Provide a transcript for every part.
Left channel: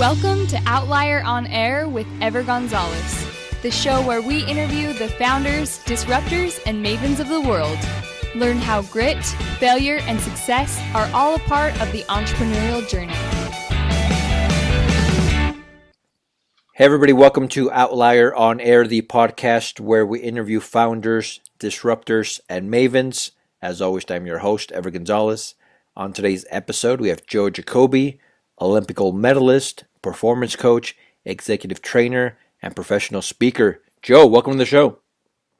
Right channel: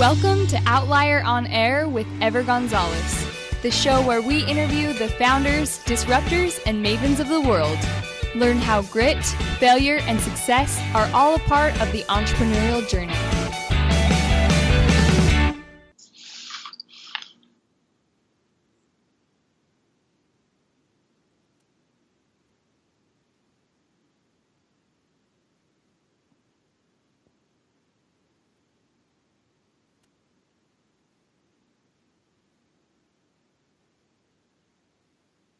Welcome to Outlier on Air with Ever Gonzalez, the show where we interview the founders, disruptors, and mavens of the world. Learn how grit, failure, and success are all a part of the entrepreneurial journey. Hey everybody, welcome to Outlier on Air, the podcast where we interview founders, disruptors, and mavens. As always, I'm your host, Ever Gonzalez. On today's episode, we have Joe Jacobi, Olympic gold medalist, performance coach, executive trainer, and professional speaker. Joe, welcome to the show.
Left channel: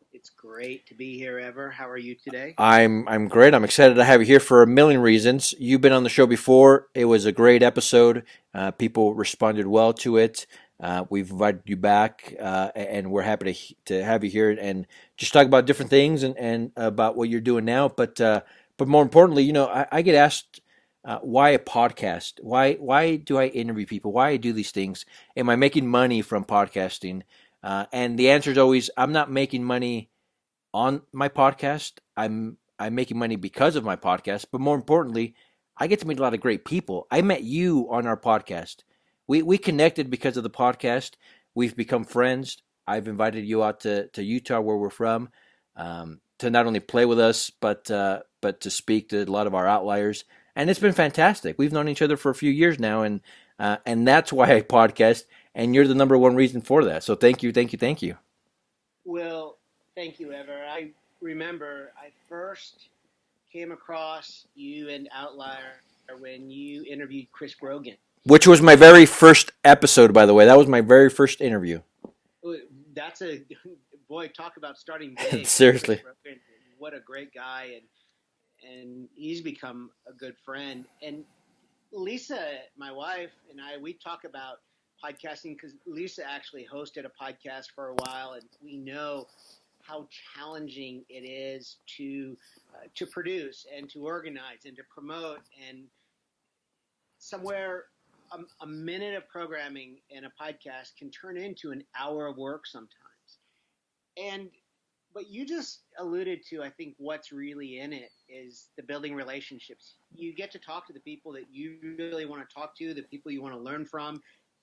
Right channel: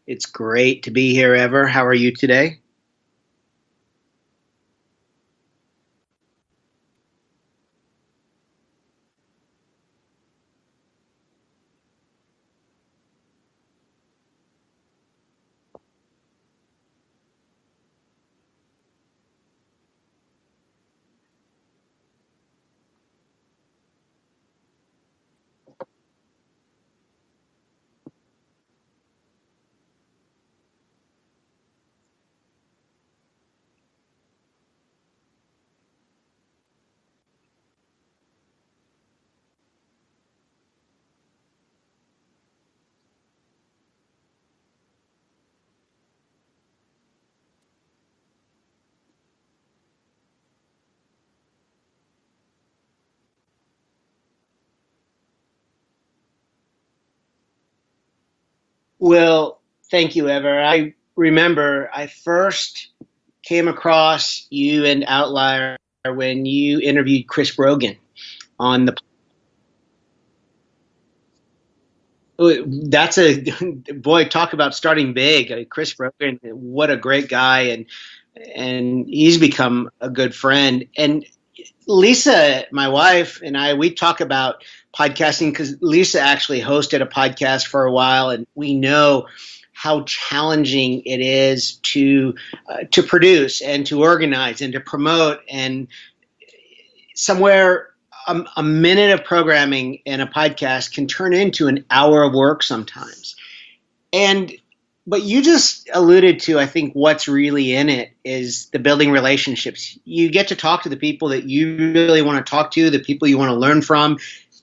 It's great to be here, Ever. How are you today? I'm great. I'm excited to have you here for a million reasons. You've been on the show before. It was a great episode. People responded well to it. We've invited you back, and we're happy to have you here and just talk about different things and about what you're doing now. But more importantly, I get asked, why a podcast? Why do I interview people? Why I do these things? Am I making money from podcasting? And the answer is always, I'm not making money on my podcast. I'm making money because of my podcast. But more importantly, I get to meet a lot of great people. I met you on our podcast. We connected because of the podcast. We've become friends. I've invited you out to Utah, where we're from, to not only play with us, but to speak to a lot of our outliers. And it's been fantastic. We've known each other for a few years now, and that's why I podcast. And you're the number one reason for that. So thank you. Well, thank you, Ever. I remember I first came across you and Outlier when you interviewed Chris Brogan. Which was my very first episode, by the way. That was my very first interview. That's boy, talk about starting big. Seriously. Chris Brogan, what a great guy, and he's become a good friend. And Lisa, my wife, and I, we talk about podcasting because Lisa actually hosted a podcast for a while, and we know how challenging it is to produce and to organize and to promote. And somewhere a minute of programming in a podcast can turn into an hour of work sometimes. But you just alluded to, I think, what's really in it is the building relationships. You get to talk to the people that you really want to talk to, the people you want to learn from,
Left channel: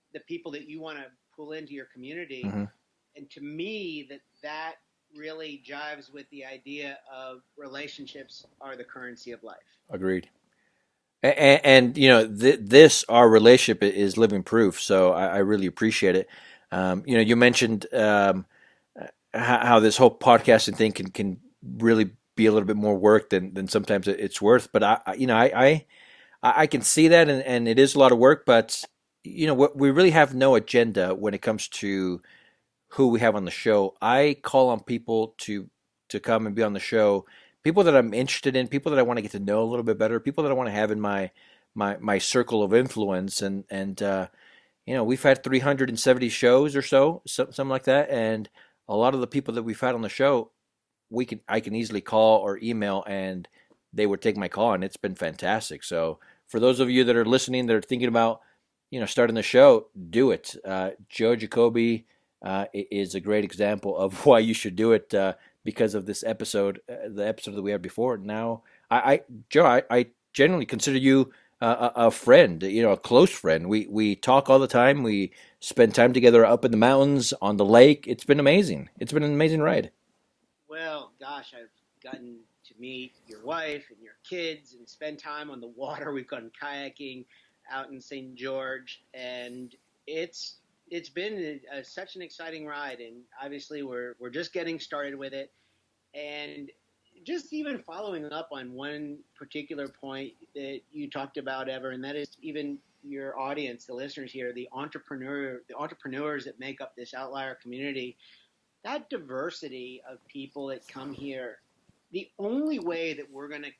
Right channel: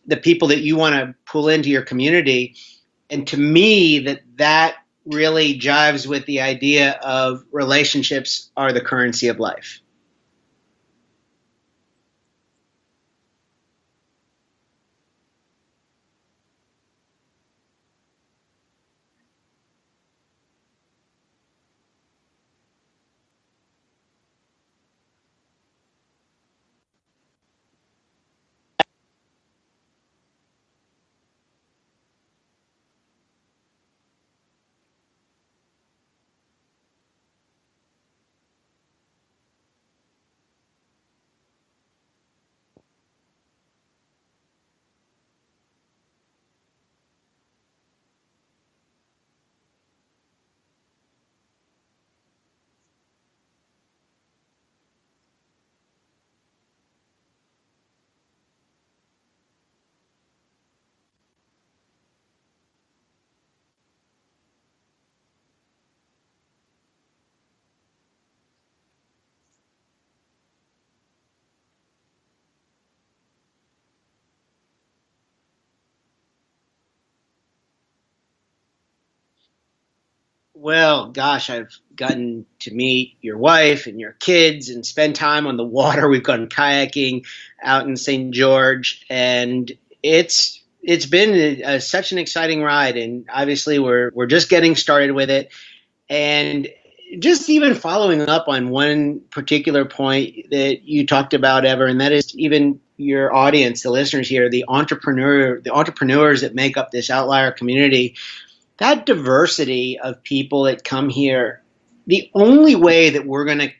the people that you want to pull into your community. Mm-hmm. And to me, that really jives with the idea of relationships are the currency of life. Agreed. And this, our relationship is living proof. So I really appreciate it. You mentioned how this whole podcasting thing can really be a little bit more work than sometimes it's worth. But I can see that, and it is a lot of work. But we really have no agenda when it comes to who we have on the show. I call on people to come and be on the show. People that I'm interested in, people that I want to get to know a little bit better, people that I want to have in my circle of influence, and we've had 370 shows or so, something like that, and a lot of the people that we've had on the show, I can easily call or email, and they would take my call, and it's been fantastic. So for those of you that are listening, that are thinking about starting the show, do it. Joe Jacobi is a great example of why you should do it. Because of this episode, the episode that we had before. Now, Joe, I genuinely consider you a friend, a close friend. We talk all the time. We spend time together up in the mountains, on the lake. It's been amazing. It's been an amazing ride. Well, gosh, I've gotten to meet your wife and your kids and spend time on the water. We've gone kayaking out in St. George, and it's been such an exciting ride, and obviously we're just getting started with it. And just even following up on one particular point that you talked about, Ever, and that is even your audience, the listeners here, the entrepreneurs that make up this outlier community, that diversity of people that come here. The only way that we're going to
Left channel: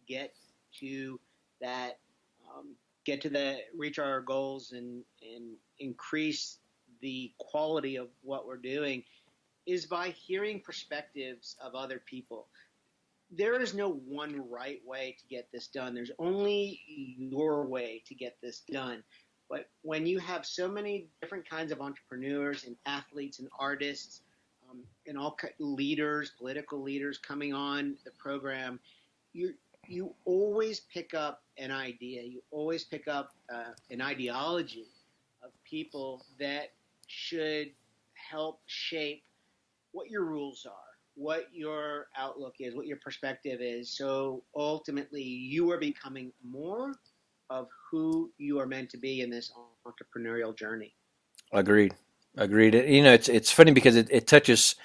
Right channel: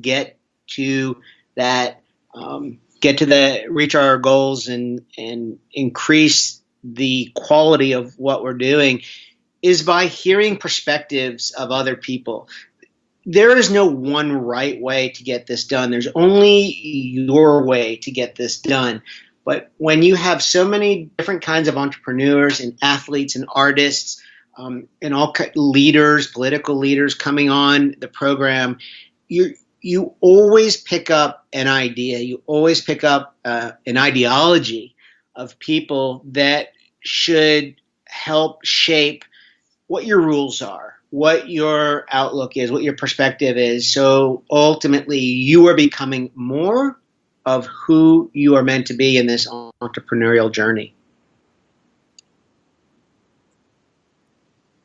get to that, reach our goals and increase the quality of what we're doing is by hearing perspectives of other people. There is no one right way to get this done. There's only your way to get this done. But when you have so many different kinds of entrepreneurs and athletes and artists and all leaders, political leaders coming on the program, you always pick up an idea. You always pick up an ideology of people that should help shape what your rules are, what your outlook is, what your perspective is. So ultimately, you are becoming more of who you are meant to be in this entrepreneurial journey. Agreed. Agreed. It's funny because it touches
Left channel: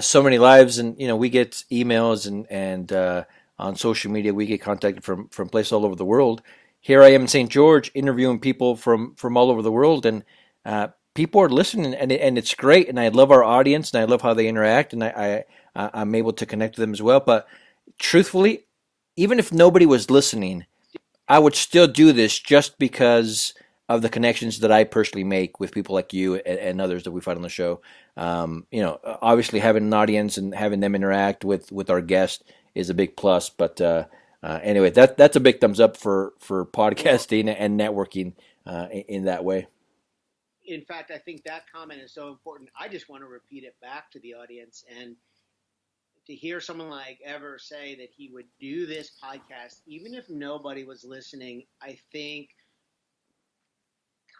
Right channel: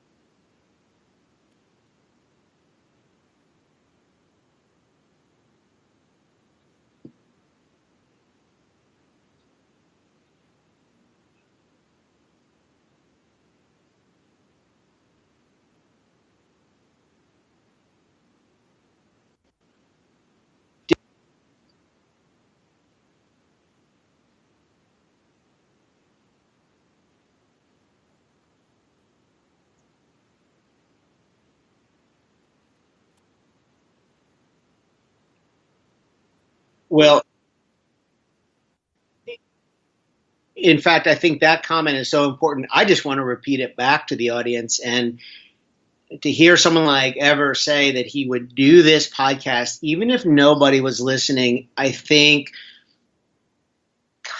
so many lives, and we get emails and on social media we get contacted from places all over the world. Here I am in St. George interviewing people from all over the world, and people are listening, and it's great. And I love our audience, and I love how they interact, and I'm able to connect with them as well. But truthfully, even if nobody was listening, I would still do this just because of the connections that I personally make with people like you and others that we find on the show. Obviously having an audience and having them interact with our guest is a big plus. But anyway, that's a big thumbs up for podcasting and networking in that way. In fact, I think that comment is so important. I just want to repeat it back to the audience, and to hear someone like Ever say that he would do this podcast, even if nobody was listening, I think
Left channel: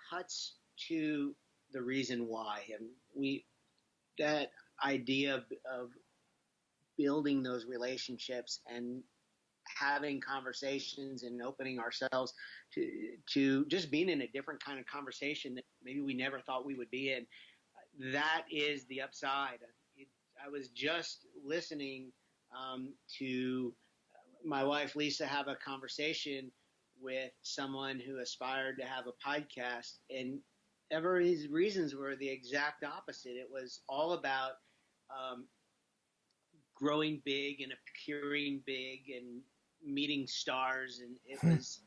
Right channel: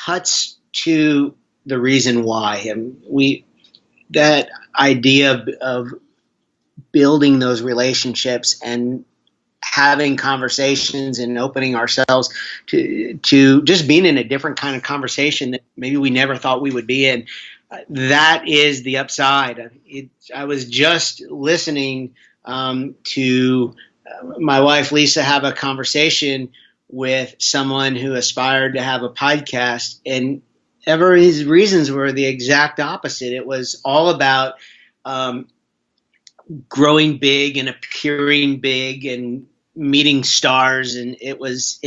cuts to the reason why. And that idea of building those relationships and having conversations and opening ourselves to just being in a different kind of conversation that maybe we never thought we would be in. That is the upside. I was just listening to my wife Lisa have a conversation with someone who aspired to have a podcast, and Ever, his reasons were the exact opposite. It was all about growing big and appearing big and meeting stars, and it was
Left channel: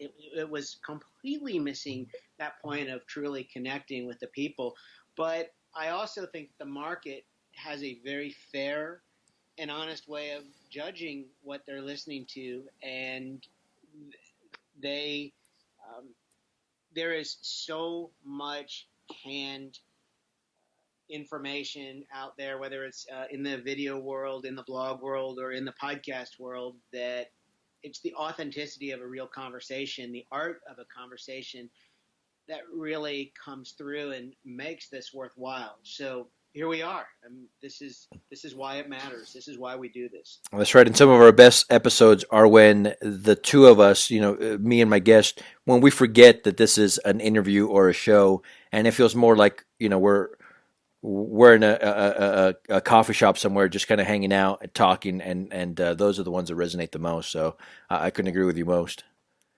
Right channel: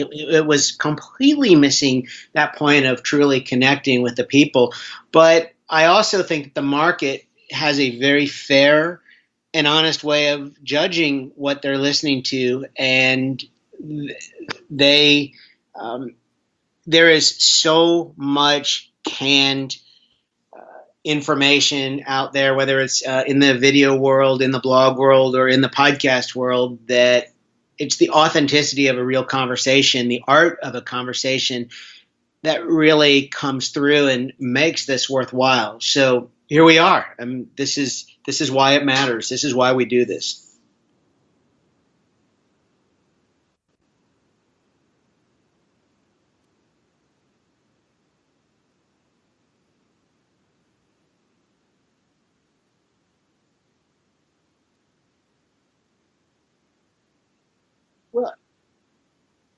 completely missing that point of truly connecting with the people. But I also think the market has a very fair and honest way of judging what they're listening to, and there is so much canned information out there, whether it's in the video world, in the blog world, or in the podcast world, that it's the authenticity of a real conversation, the art of a conversation that really comes through and makes this worthwhile. So here we are. This is why it matters. This is why we do this. That's right. And some of our best episodes are when the two of us, me and my guest, when we forget that this is an interview or a show, and it feels more like we're in a coffee shop somewhere, just kind of hanging out and talking, and those are the ones that resonate the most. So I couldn't agree with you most.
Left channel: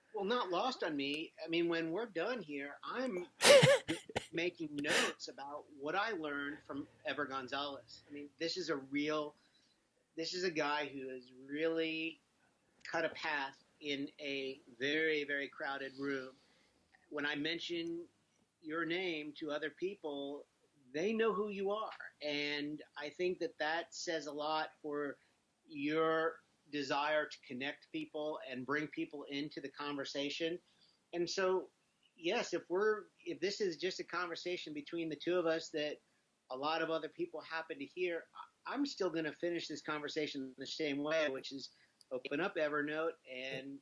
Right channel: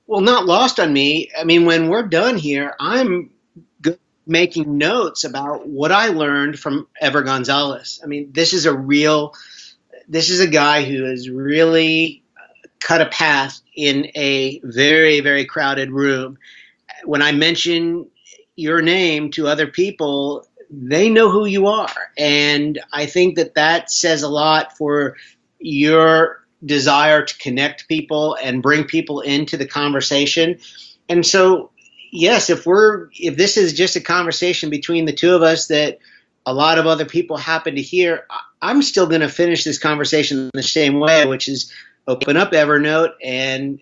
Well, not lost on me. I mean, when we're done here, I'm making notes about what I learned from Ever Gonzalez. I mean, this is a guy who has really cut a path in a very, very crowded room. When I mention your name to other people, they know who you are. And I think that says a lot for your desire to connect people and bring people into the conversation. And so, yes, if this is just a conversation between the two of us that a lot of other people happen to hear, I'm still going to finish this conversation the same way, which is open up Evernote and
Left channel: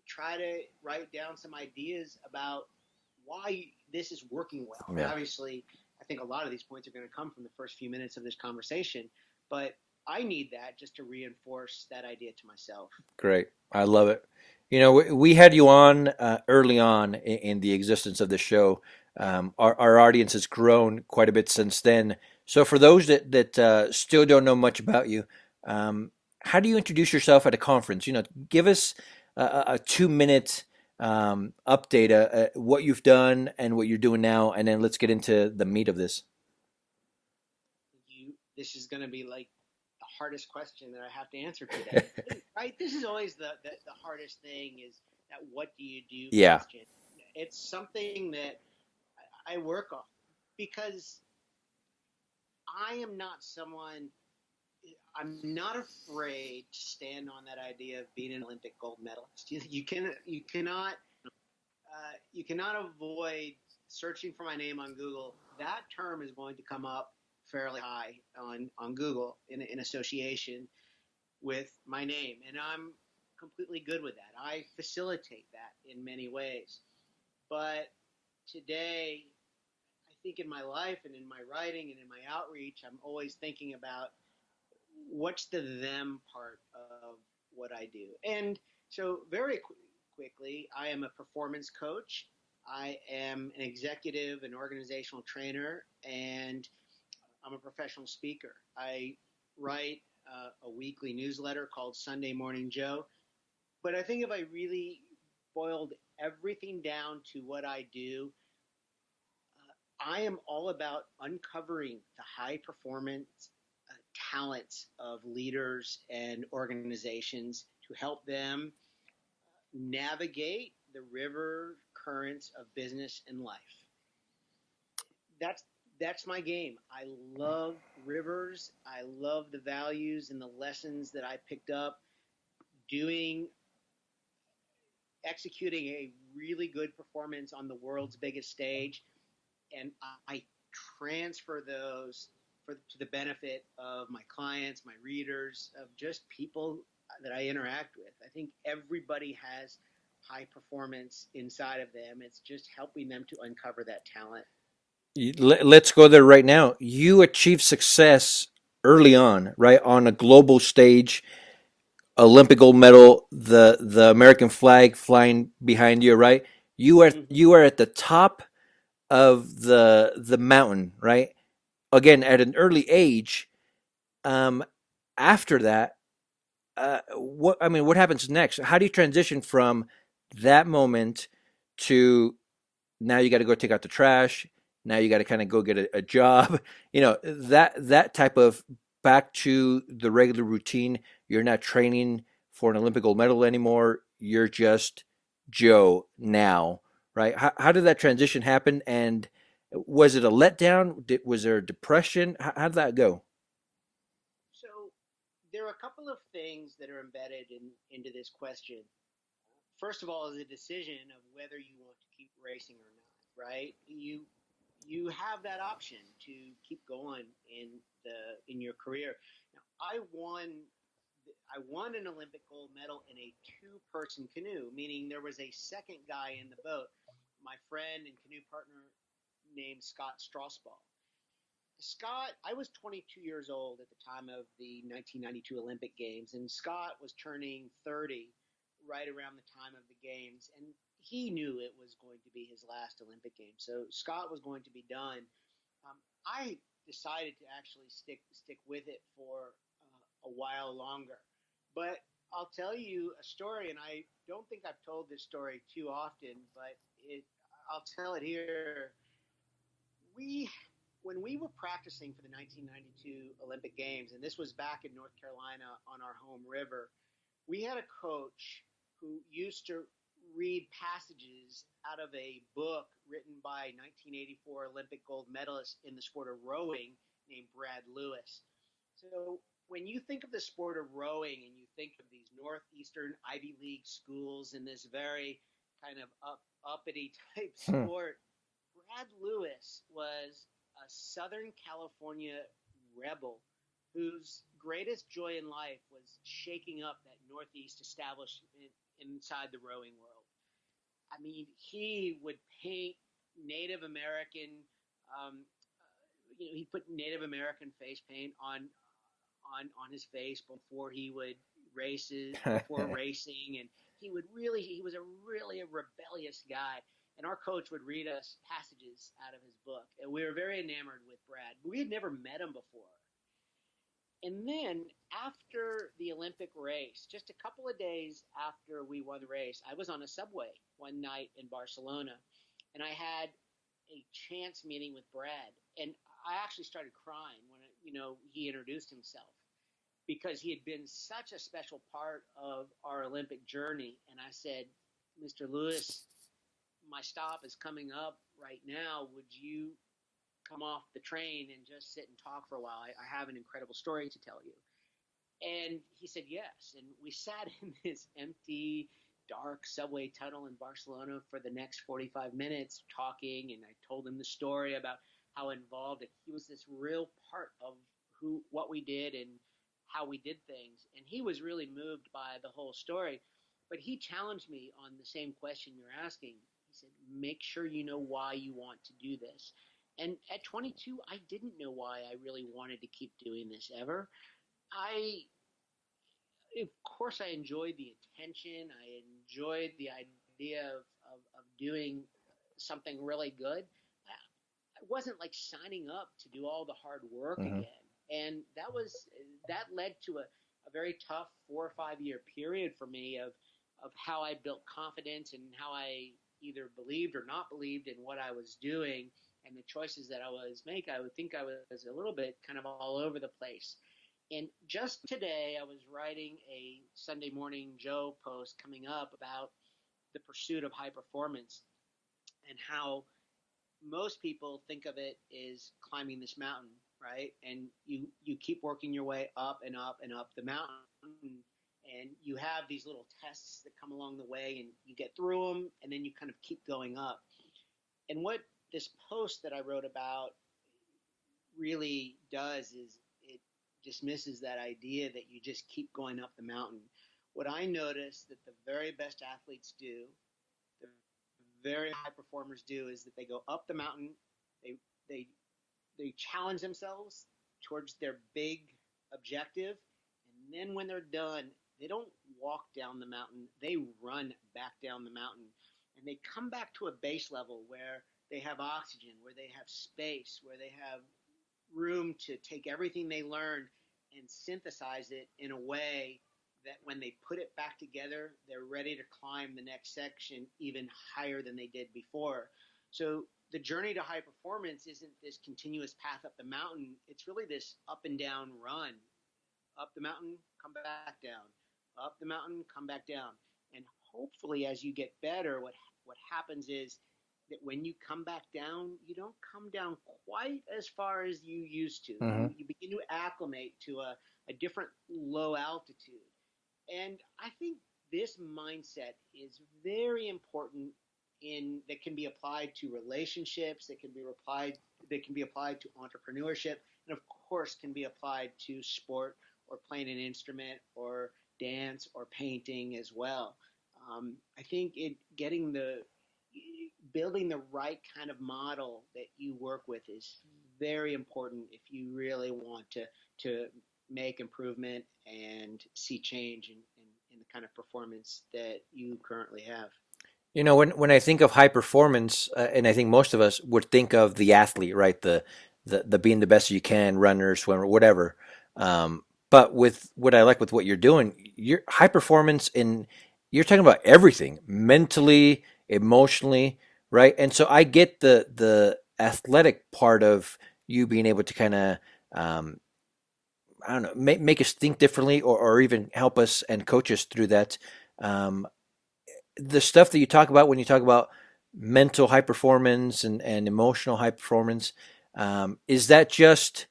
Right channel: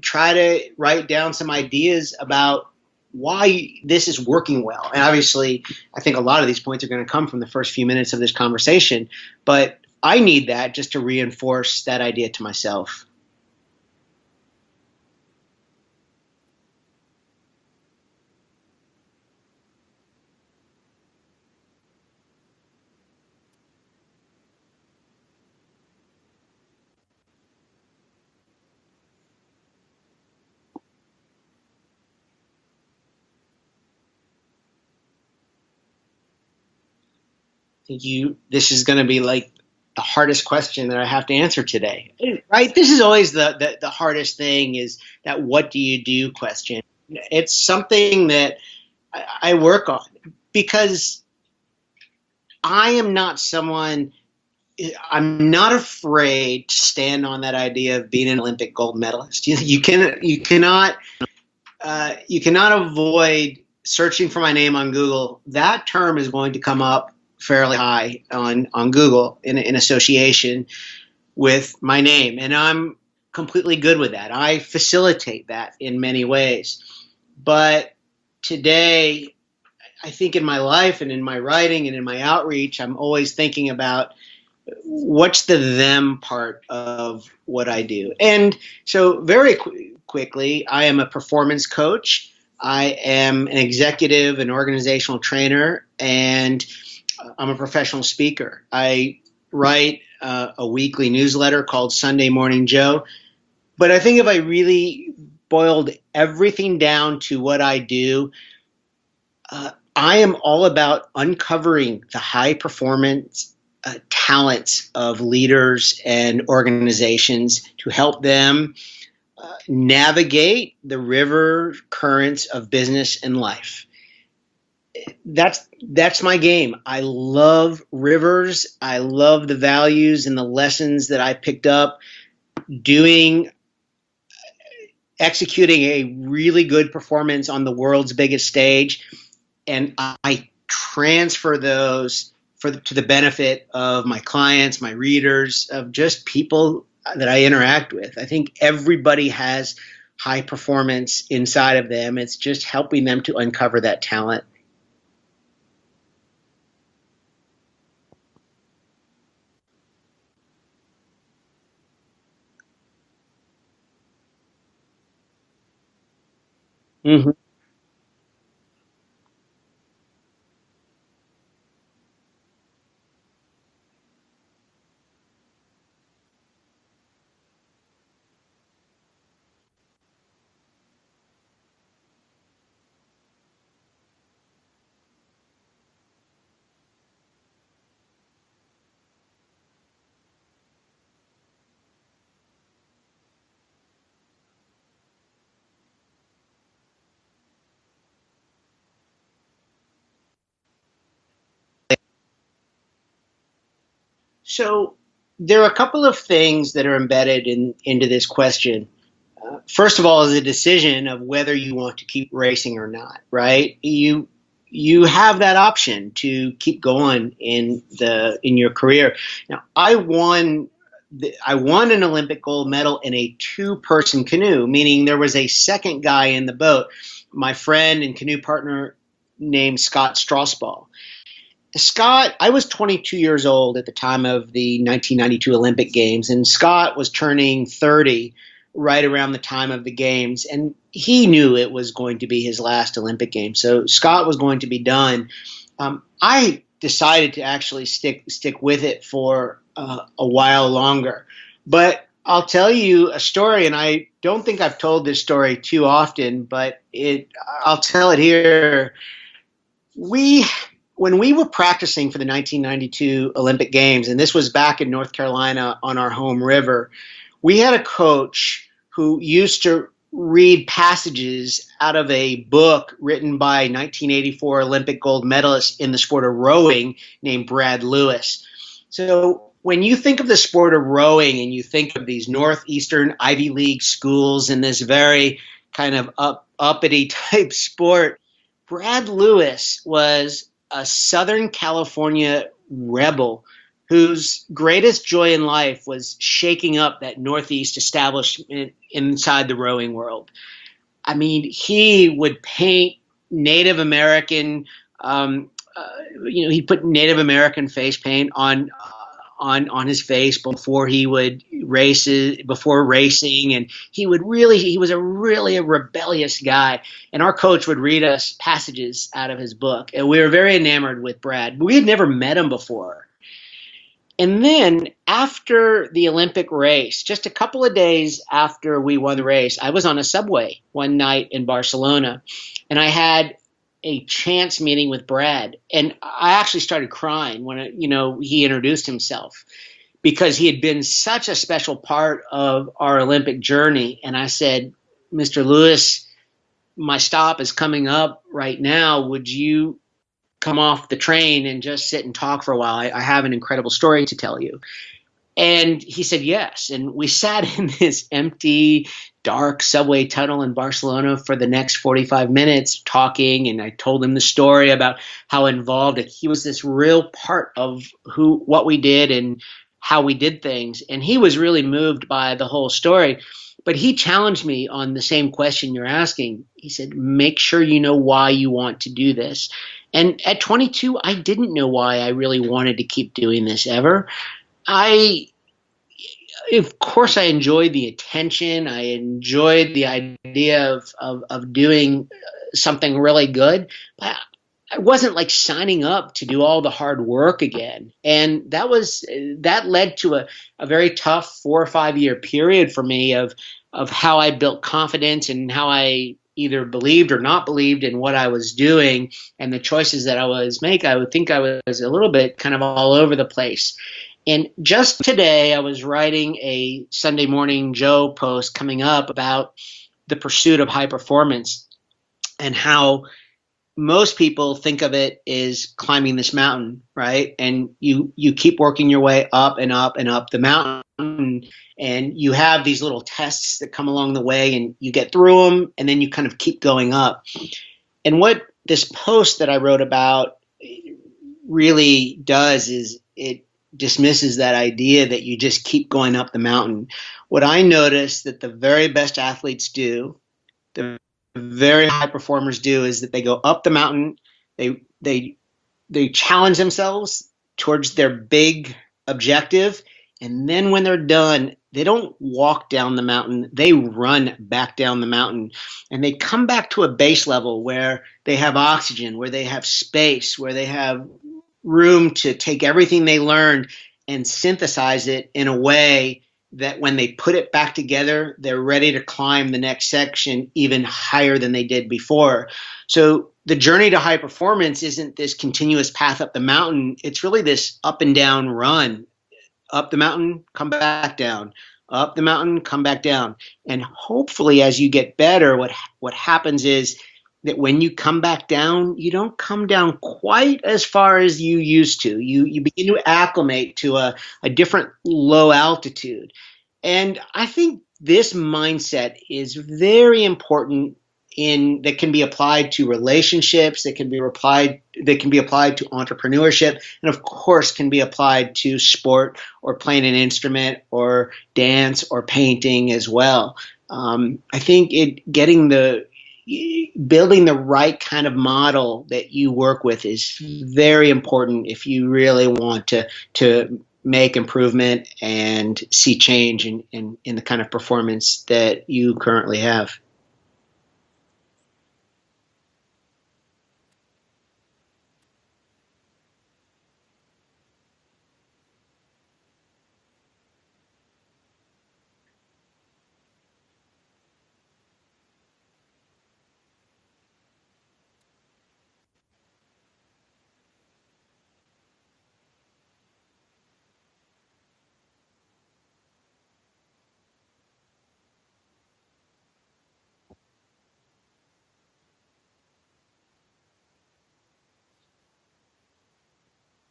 try to write down some ideas about why this is working well. And obviously, I think a lot of these points are going to come from the first few minutes of this conversation, but I need that just to reinforce that idea to myself. Great. I love it. We had you on early on in the existence of the show. Our audience has grown quite a bit since then. So for those that still don't know much about you, how do you introduce yourself at a conference? Give us a 2-minute update, what you've done and what you're doing now, and then let's get into the meat of this. This is going to be like the hardest question that I have to answer today, right? This is always the hardest thing, is that what do you do question. Yeah. It's something that I work on, because I'm not afraid to stand on that idea of being an Olympic gold medalist. You cannot avoid searching for my name on Google. That term is going to come up fairly high on Google in association with my name. And I'm completely good with that. I facilitate that in many ways. But today, I think in my life and in my writing and in my outreach, I'm always thinking about what's the them part of what I do. And so, very quickly, I am a performance coach. I am an executive and organizational trainer, and I'm a professional speaker. I write a weekly newsletter called Sunday Morning Joe. But I think if I really boiled everything down to what I do, I am all about uncovering the high performance talents of leaders and organizations to help them navigate the river currents of business and life. That's my game. I love rivers. I love the values and the lessons that I picked up doing executing a really good performance on the world's biggest stage, and I transfer those to the benefit of my clients, my readers, of just people that I interact with. I think everybody has high performance inside of them. It's just helping them to uncover that talent. Let's go there right now. You achieved success early on, right? On a global stage, Olympic gold medal, the American flag flying behind you, right? You are at the top of the mountain, right? Again, at an early age. After that, what happens next? How do you transition from that moment to now you got to go take out the trash? Now you got to kind of go get a job. That type of back to the regular routine. You're not training for an Olympic gold medal anymore. You're just Joe now, right? How did that transition happen? And was it a letdown? Was there a depression? How did that go? So there are a couple of things that are embedded into this question. First of all, is a decision of whether you want to keep racing or not, right? You have that option to keep going in your career. Now, I won an Olympic gold medal in a two-person canoe, meaning there was a second guy in the boat, my friend and canoe partner named Scott Strasball. Scott, I was 22 years old at the time of the 1992 Olympic Games, and Scott was turning 30 right around the time of the games, and he knew it was going to be his last Olympic Games. So Scott was going to be done. I decided to actually stick with it for a while longer. But I'll tell you a story, and I don't think I've told this story too often, but I'll tell it here. When we were practicing for the 1992 Olympic Games, and this was back in North Carolina on our home river, we had a coach who used to read passages out of a book written by 1984 Olympic gold medalist in the sport of rowing named Brad Lewis. So when you think of the sport of rowing and you think of these Northeastern Ivy League schools and this very kind of uppity type sport, Brad Lewis was a Southern California rebel whose greatest joy in life was shaking up that Northeast establishment inside the rowing world. I mean, he would paint Native American, he put Native American face paint on his face before he would before racing, and he was a really rebellious guy. And our coach would read us passages out of his book, and we were very enamored with Brad. We had never met him before. And then after the Olympic race, just a couple of days after we won the race, I was on a subway one night in Barcelona, and I had a chance meeting with Brad. And I actually started crying when, he introduced himself, because he had been such a special part of our Olympic journey. And I said, Mr. Lewis, my stop is coming up right now. Would you come off the train and just sit and talk for a while? I have an incredible story to tell you. And he said yes. And we sat in this empty, dark subway tunnel in Barcelona for the next 45 minutes talking. And I told him the story about how involved he was, this real part of what we did and how we did things. And he was really moved by the whole story. But he challenged me on the same question you're asking. He said, make sure you know why you want to do this. And at 22, I didn't know why I really wanted to keep doing this ever. I, of course, I enjoyed the attention. I enjoyed the idea of doing something really good. But I wasn't like signing up to do all the hard work again. And that led to a very tough 4 or 5 year period for me of how I built confidence and how I either believed or not believed in what I was doing and the choices that I was making. I would think I was a little bit kind of all over the place. And just today, I was writing a Sunday Morning Joe post coming up about the pursuit of high performance and how most people think of it as climbing this mountain, right? And you keep working your way up and up and up the mountain, and you have these little tests that come along the way, and you get through them, and then you kind of keep going up. And what this post that I wrote about really does is it dismisses that idea that you just keep going up the mountain. What I noticed that the very best athletes do, the very high performers do, is that they go up the mountain, they they they challenge themselves towards their big objective, and then when they're done, they don't walk down the mountain, they run back down the mountain, and they come back to a base level where they have oxygen, where they have space, where they have room to take everything they learned and synthesize it in a way that when they put it back together, they're ready to climb the next section even higher than they did before. So the journey to high performance isn't this continuous path up the mountain. It's really this up and down run. Up the mountain, come back down. Up the mountain, come back down. And hopefully as you get better, what happens is that when you come back down, you don't come down quite as far as you used to. You begin to acclimate to a different low altitude. And I think this mindset is very important that can be applied to relationships, that can be applied to entrepreneurship, and of course can be applied to sport or playing an instrument or dance or painting as well. I think building the right kind of model that you work with is very important if you really want to make improvement and see change in the kind of performance that you currently have. You know, when I think of high performance, and I think most of us would think of the athlete, right? The being the best you can, runner, swimmer, whatever. But with what I like with what you're doing, you're high performance in you're talking about everything, mentally, emotionally, right? And so I get the athletic part of you being able to kind of I don't know, make us think differently, or even help us and coach us through that. Um, the stuff that you talk about when you talk about mental high performance and emotional high performance, is that just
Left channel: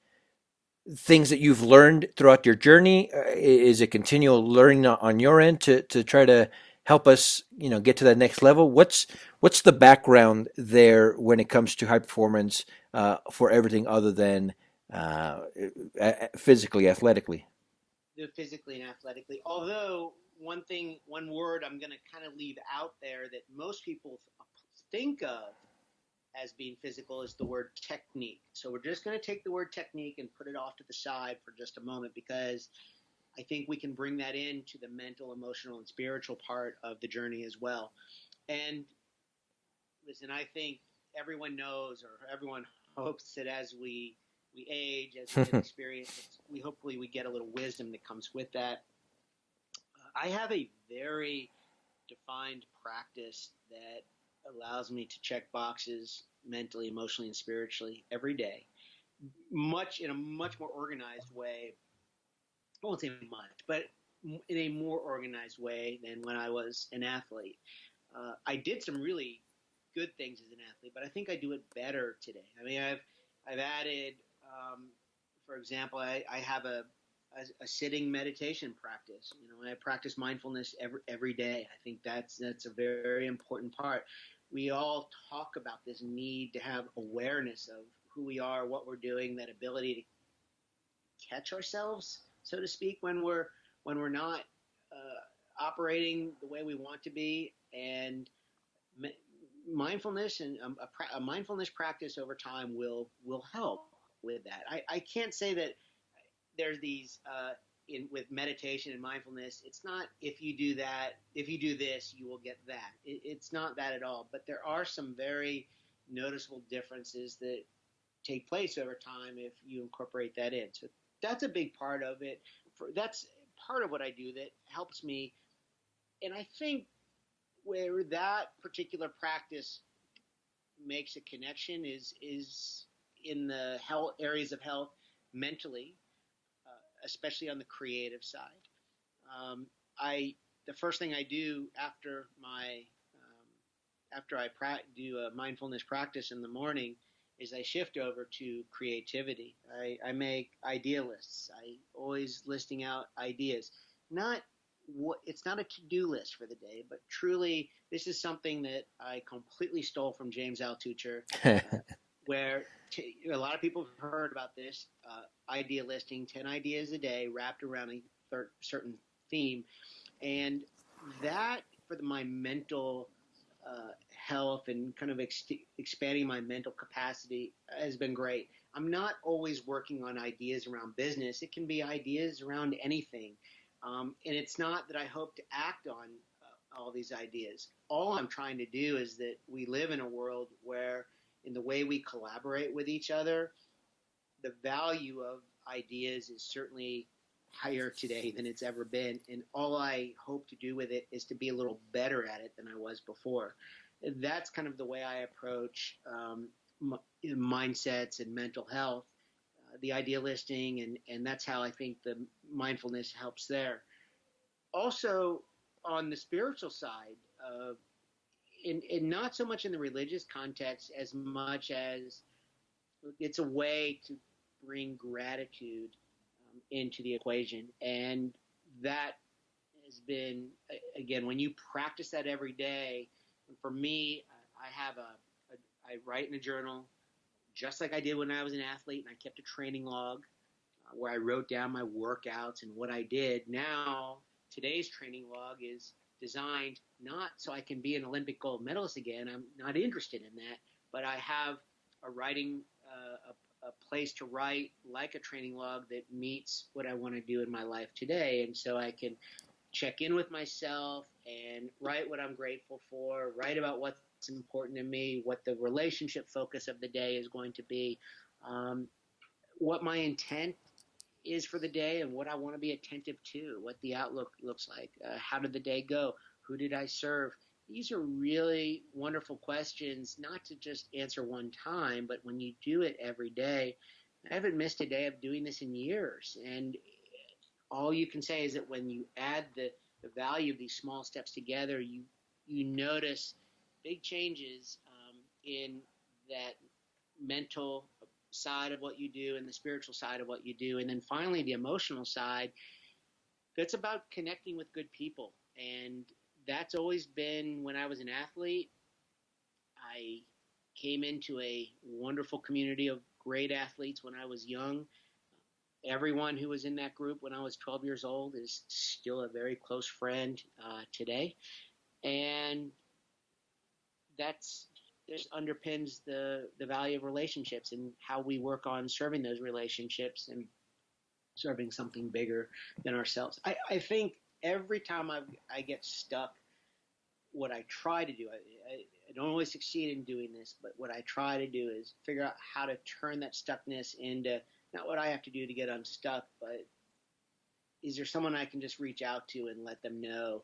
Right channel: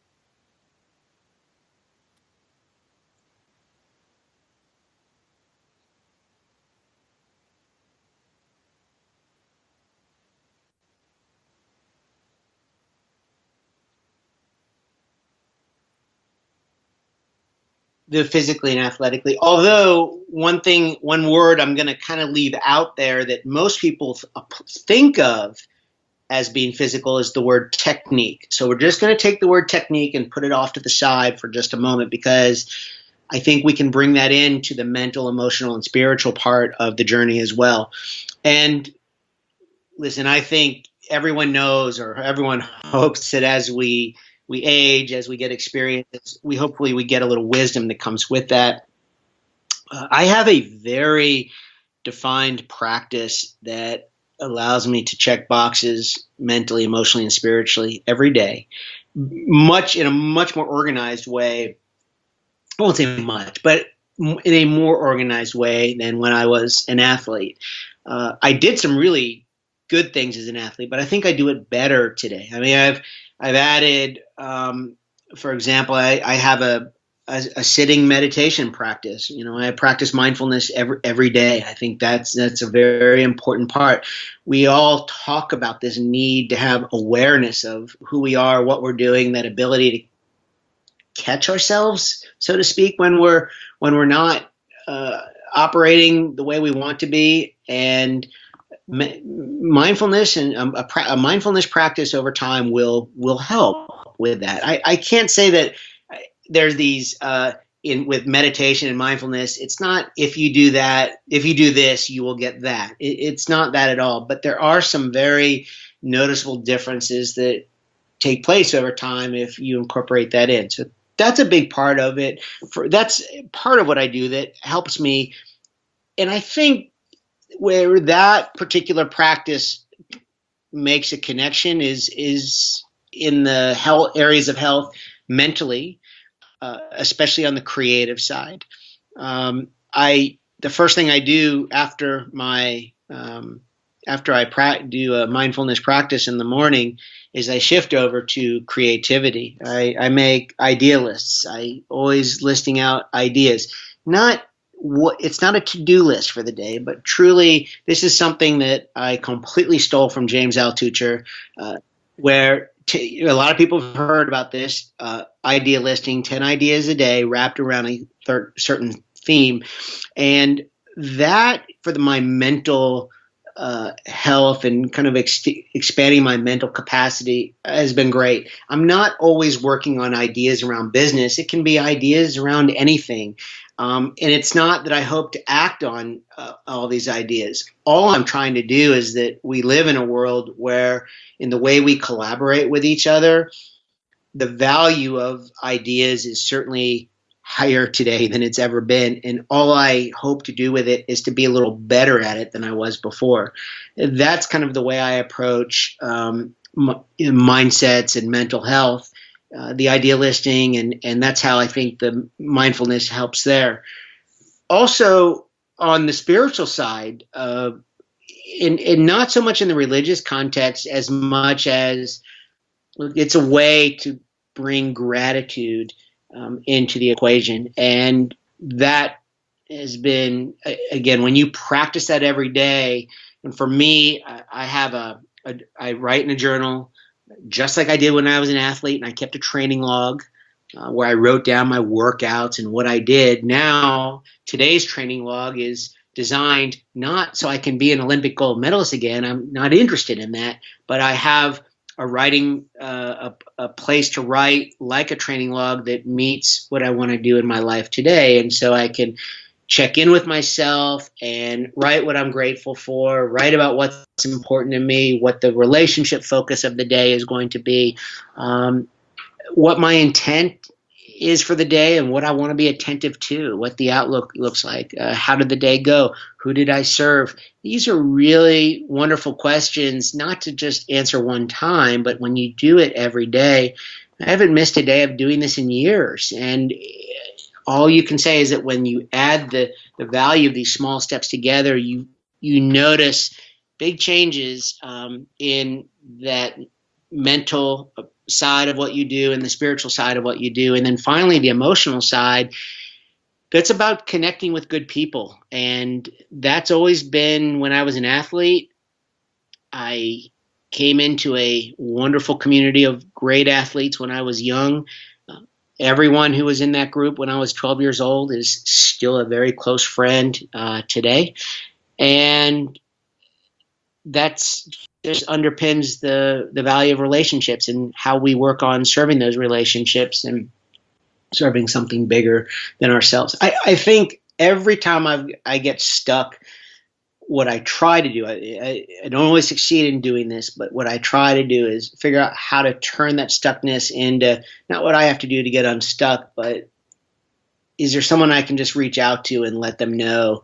things that you've learned throughout your journey? Is it continual learning on your end to try to help us, get to that next level? What's the background there when it comes to high performance for everything other than physically, athletically? The physically and athletically. Although one word I'm going to kind of leave out there that most people think of as being physical is the word technique. So we're just going to take the word technique and put it off to the side for just a moment, because I think we can bring that into the mental, emotional, and spiritual part of the journey as well. And listen, I think everyone knows, or everyone hopes, that as we age, as we get experience, we get a little wisdom that comes with that. I have a very defined practice that allows me to check boxes mentally, emotionally, and spiritually every day, in a much more organized way. I won't say much, but in a more organized way than when I was an athlete. I did some really good things as an athlete, but I think I do it better today. I mean, I've added, for example, I have a sitting meditation practice. I practice mindfulness every day. I think that's a very important part. We all talk about this need to have awareness of who we are, what we're doing, that ability to catch ourselves, so to speak, when we're not operating the way we want to be. And mindfulness and a mindfulness practice over time will help with that. I can't say that there's these in with meditation and mindfulness. It's not if you do that, if you do this, you will get that. It's not that at all. But there are some very noticeable differences that take place over time if you incorporate that in. So that's a big part of it. That's part of what I do that helps me. And I think where that particular practice makes a connection is in the health areas of health mentally, especially on the creative side. I the first thing I do after my after I do a mindfulness practice in the morning is I shift over to creativity. I make idea lists. I always listing out ideas. Not what it's not a to-do list for the day, but truly this is something that I completely stole from James Altucher, where a lot of people have heard about this idea listing, 10 ideas a day wrapped around a certain theme. And that for my mental health and kind of expanding my mental capacity has been great. I'm not always working on ideas around business. It can be ideas around anything. And it's not that I hope to act on all these ideas. All I'm trying to do is that we live in a world where, in the way we collaborate with each other, the value of ideas is certainly higher today than it's ever been. And all I hope to do with it is to be a little better at it than I was before. That's kind of the way I approach mindsets and mental health. The idea listing, and that's how I think the mindfulness helps there. Also, on the spiritual side, and not so much in the religious context as much as it's a way to bring gratitude into the equation. And that has been, again, when you practice that every day, and for me, I write in a journal, just like I did when I was an athlete, and I kept a training log where I wrote down my workouts and what I did. Now, today's training log is designed not so I can be an Olympic gold medalist again. I'm not interested in that, but I have a writing, a place to write like a training log that meets what I want to do in my life today. And so I can check in with myself and write what I'm grateful for, write about what's important to me, what the relationship focus of the day is going to be, what my intent is for the day and what I want to be attentive to, what the outlook looks like, how did the day go, who did I serve? These are really wonderful questions, not to just answer one time, but when you do it every day. I haven't missed a day of doing this in years. And all you can say is that when you add the value of these small steps together, you notice big changes in that mental side of what you do and the spiritual side of what you do. And then finally, the emotional side, that's about connecting with good people. And that's always been, when I was an athlete, I came into a wonderful community of great athletes when I was young. Everyone who was in that group when I was 12 years old is still a very close friend today. And that's just underpins the value of relationships and how we work on serving those relationships and serving something bigger than ourselves. I think every time I get stuck, what I try to do, I don't always succeed in doing this, but what I try to do is figure out how to turn that stuckness into not what I have to do to get unstuck, but is there someone I can just reach out to and let them know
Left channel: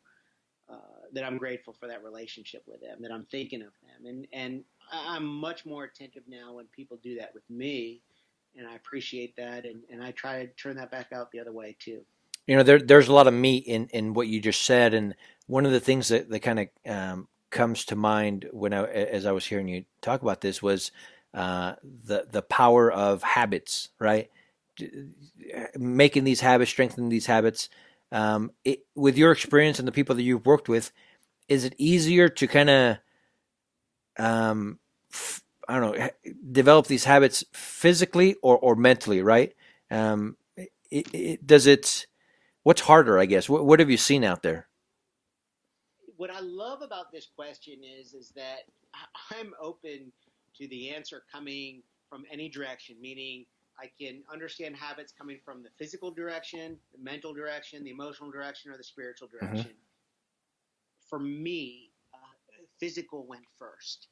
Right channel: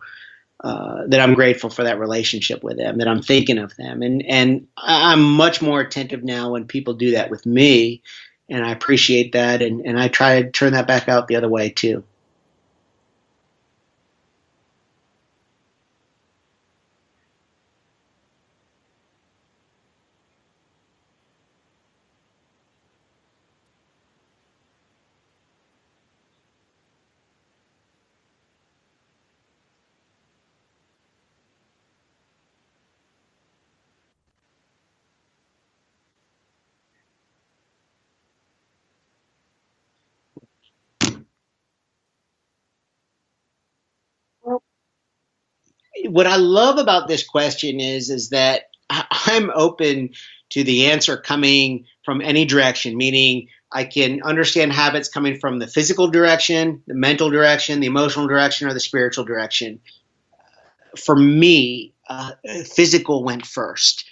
that I'm grateful for that relationship with them, that I'm thinking of them. And I'm much more attentive now when people do that with me, and I appreciate that. And I try to turn that back out the other way too. There's a lot of meat in what you just said. And one of the things that kind of comes to mind as I was hearing you talk about this was the power of habits, right? Making these habits, strengthening these habits. With your experience and the people that you've worked with, is it easier to kind of, I don't know, develop these habits physically or mentally, right? What's harder, I guess? What have you seen out there? what I love about this question is that I'm open to the answer coming from any direction, meaning I can understand habits coming from the physical direction, the mental direction, the emotional direction, or the spiritual Hmm. direction. For me, physical went first.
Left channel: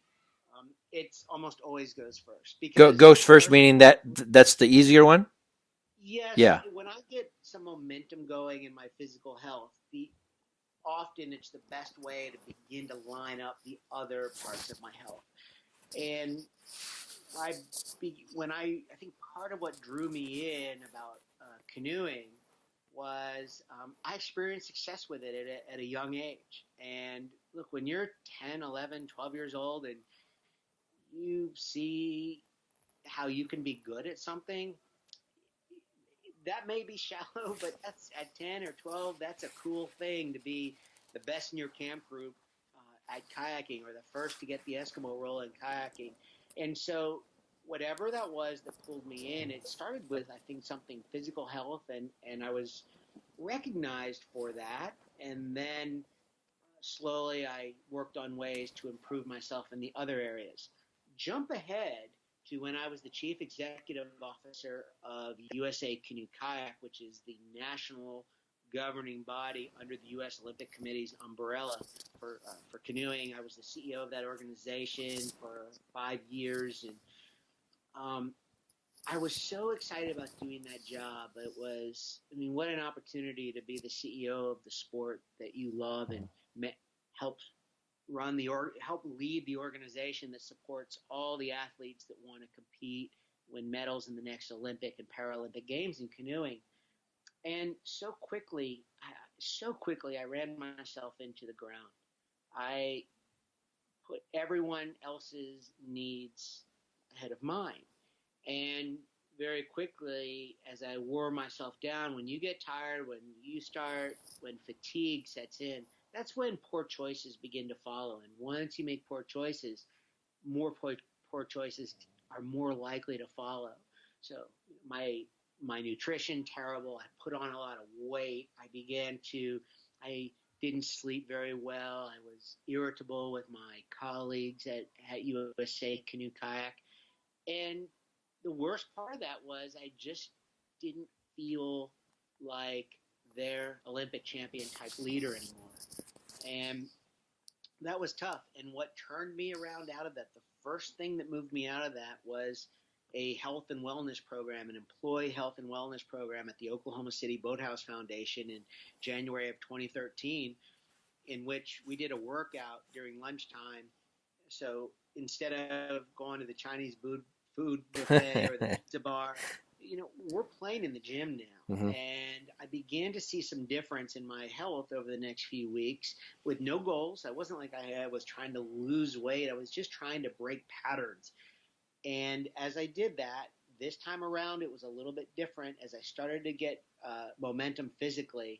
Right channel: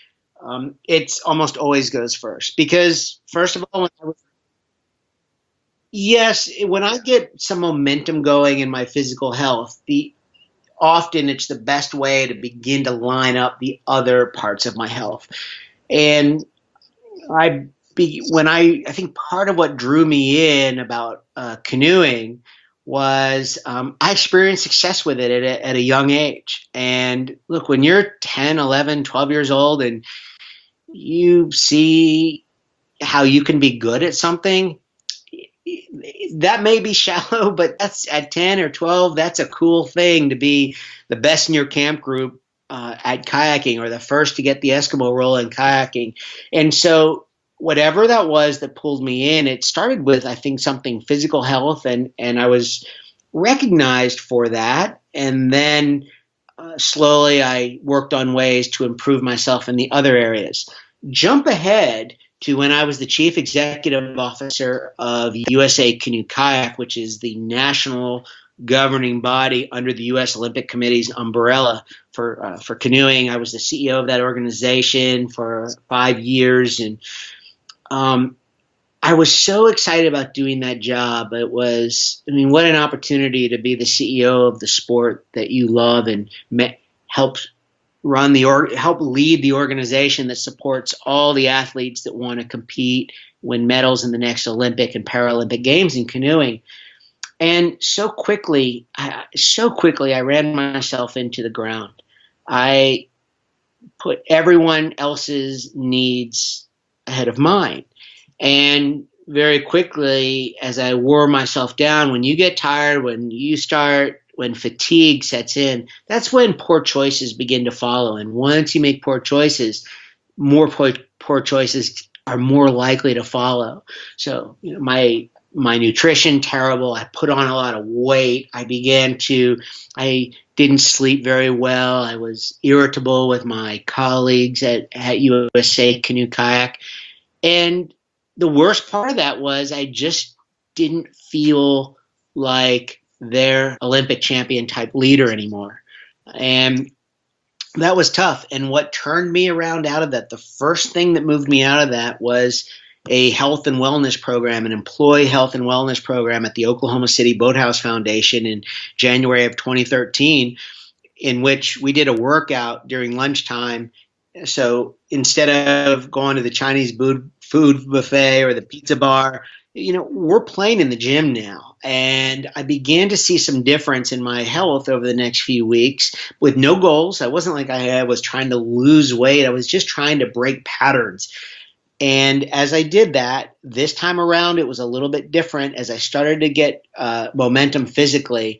It's almost always goes first Goes because, first, first of meaning all, that's the easier one. yes, Yeah. when I get some momentum going in my physical health, the often it's the best way to begin to line up the other parts of my health. And I think part of what drew me in about canoeing was I experienced success with it at a young age. And look, when you're 10, 11, 12 years old and you see how you can be good at something, that may be shallow, but that's at 10 or 12, that's a cool thing to be the best in your camp group at kayaking, or the first to get the Eskimo roll in kayaking. And so whatever that was that pulled me in, it started with, I think, something physical health, and I was recognized for that. And then slowly I worked on ways to improve myself in the other areas. Jump ahead to when I was the chief executive officer of USA Canoe Kayak, which is the national governing body under the U.S. Olympic Committee's umbrella for canoeing. I was the CEO of that organization for 5 years, and um, I was so excited about doing that job. It was, I mean, what an opportunity to be the CEO of the sport that you love and help help lead the organization that supports all the athletes that want to compete, win medals in the next Olympic and Paralympic Games in canoeing. And so quickly, I ran myself into the ground. I put everyone else's needs ahead of mine. And very quickly, as I wore myself down, when you get tired, when fatigue sets in, that's when poor choices begin to follow. And once you make poor choices, poor choices are more likely to follow. So, my nutrition terrible. I put on a lot of weight. I didn't sleep very well. I was irritable with my colleagues at USA Canoe Kayak. And the worst part of that was I just didn't feel like their Olympic champion type leader anymore. And that was tough. And what turned me around out of that, the first thing that moved me out of that was a health and wellness program, an employee health and wellness program at the Oklahoma City Boathouse Foundation in January of 2013, in which we did a workout during lunchtime. So instead of going to the Chinese food buffet or the pizza bar, we're playing in the gym now. Hmm. And I began to see some difference in my health over the next few weeks with no goals. I wasn't like I was trying to lose weight. I was just trying to break patterns. And as I did that, this time around, it was a little bit different. As I started to get momentum physically,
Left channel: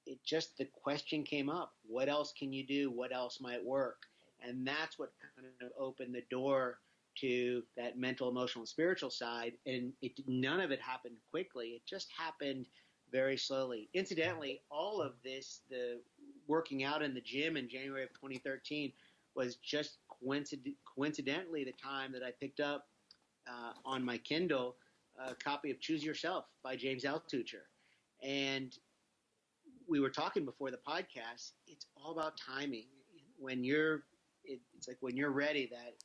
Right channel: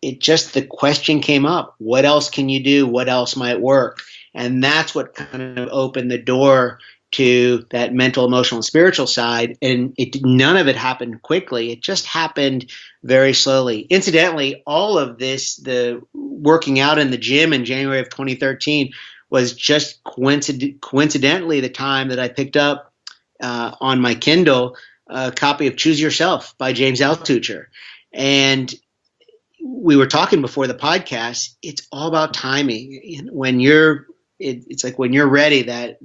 the question came up: what else can you do? What else might work? And that's what kind of opened the door to that mental, emotional, and spiritual side. And none of it happened quickly. It just happened very slowly. Incidentally, all of this, the working out in the gym in January of 2013, was just coincidentally the time that I picked up on my Kindle a copy of Choose Yourself by James Altucher. And we were talking before the podcast. It's all about timing. It's like when you're ready, that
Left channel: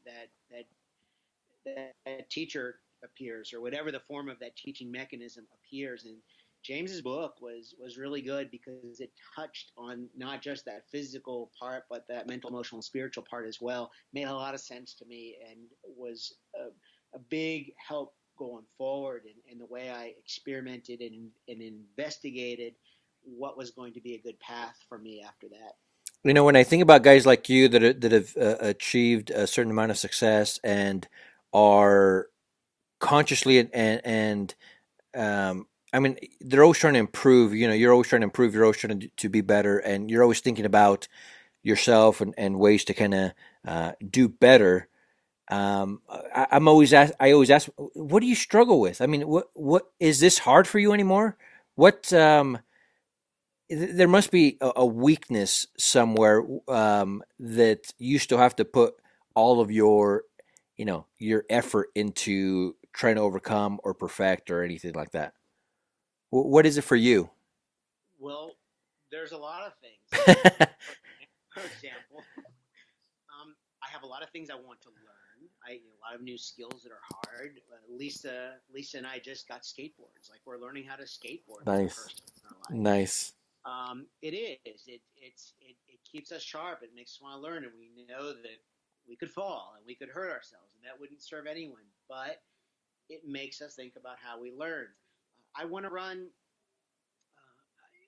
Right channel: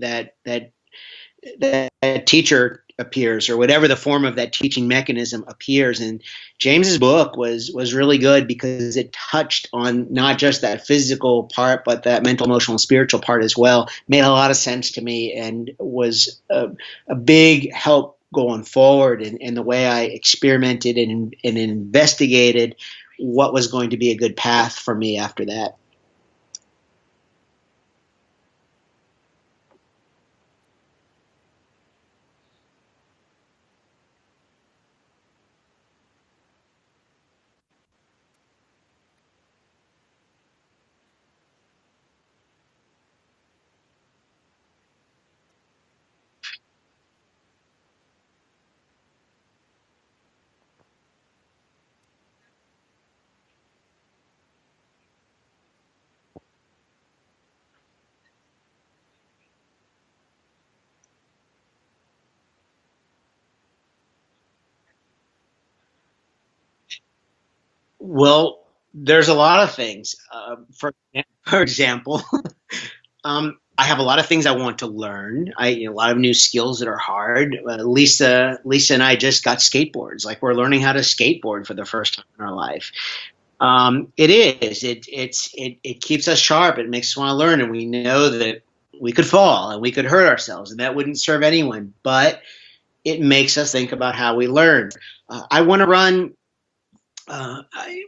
teacher appears, or whatever the form of that teaching mechanism appears. And James's book was really good because it touched on not just that physical part, but that mental, emotional, and spiritual part as well. Made a lot of sense to me and was a big help going forward in the way I experimented and investigated what was going to be a good path for me after that. When I think about guys like you that have achieved a certain amount of success and are consciously and I mean, they're always trying to improve. You're always trying to improve. You're always trying to be better, and you're always thinking about yourself and ways to kind of do better. I always ask, what do you struggle with? I mean, what is this hard for you anymore? What there must be a weakness somewhere that you still have to put all of your, your effort into trying to overcome or perfect or anything like that. What is it for you? Well, there's a lot of things. For example, I have a lot of things I want to learn. A lot of new skills that are hard. Lisa and I just got skateboards. Like we're learning how to skateboard for the Nice, first time in our life. nice. It is. It keeps us sharp. It makes us want to learn, and we know that we could fall and we could hurt ourselves, and that wouldn't serve anyone. But it makes us think about how we learn. I want to run.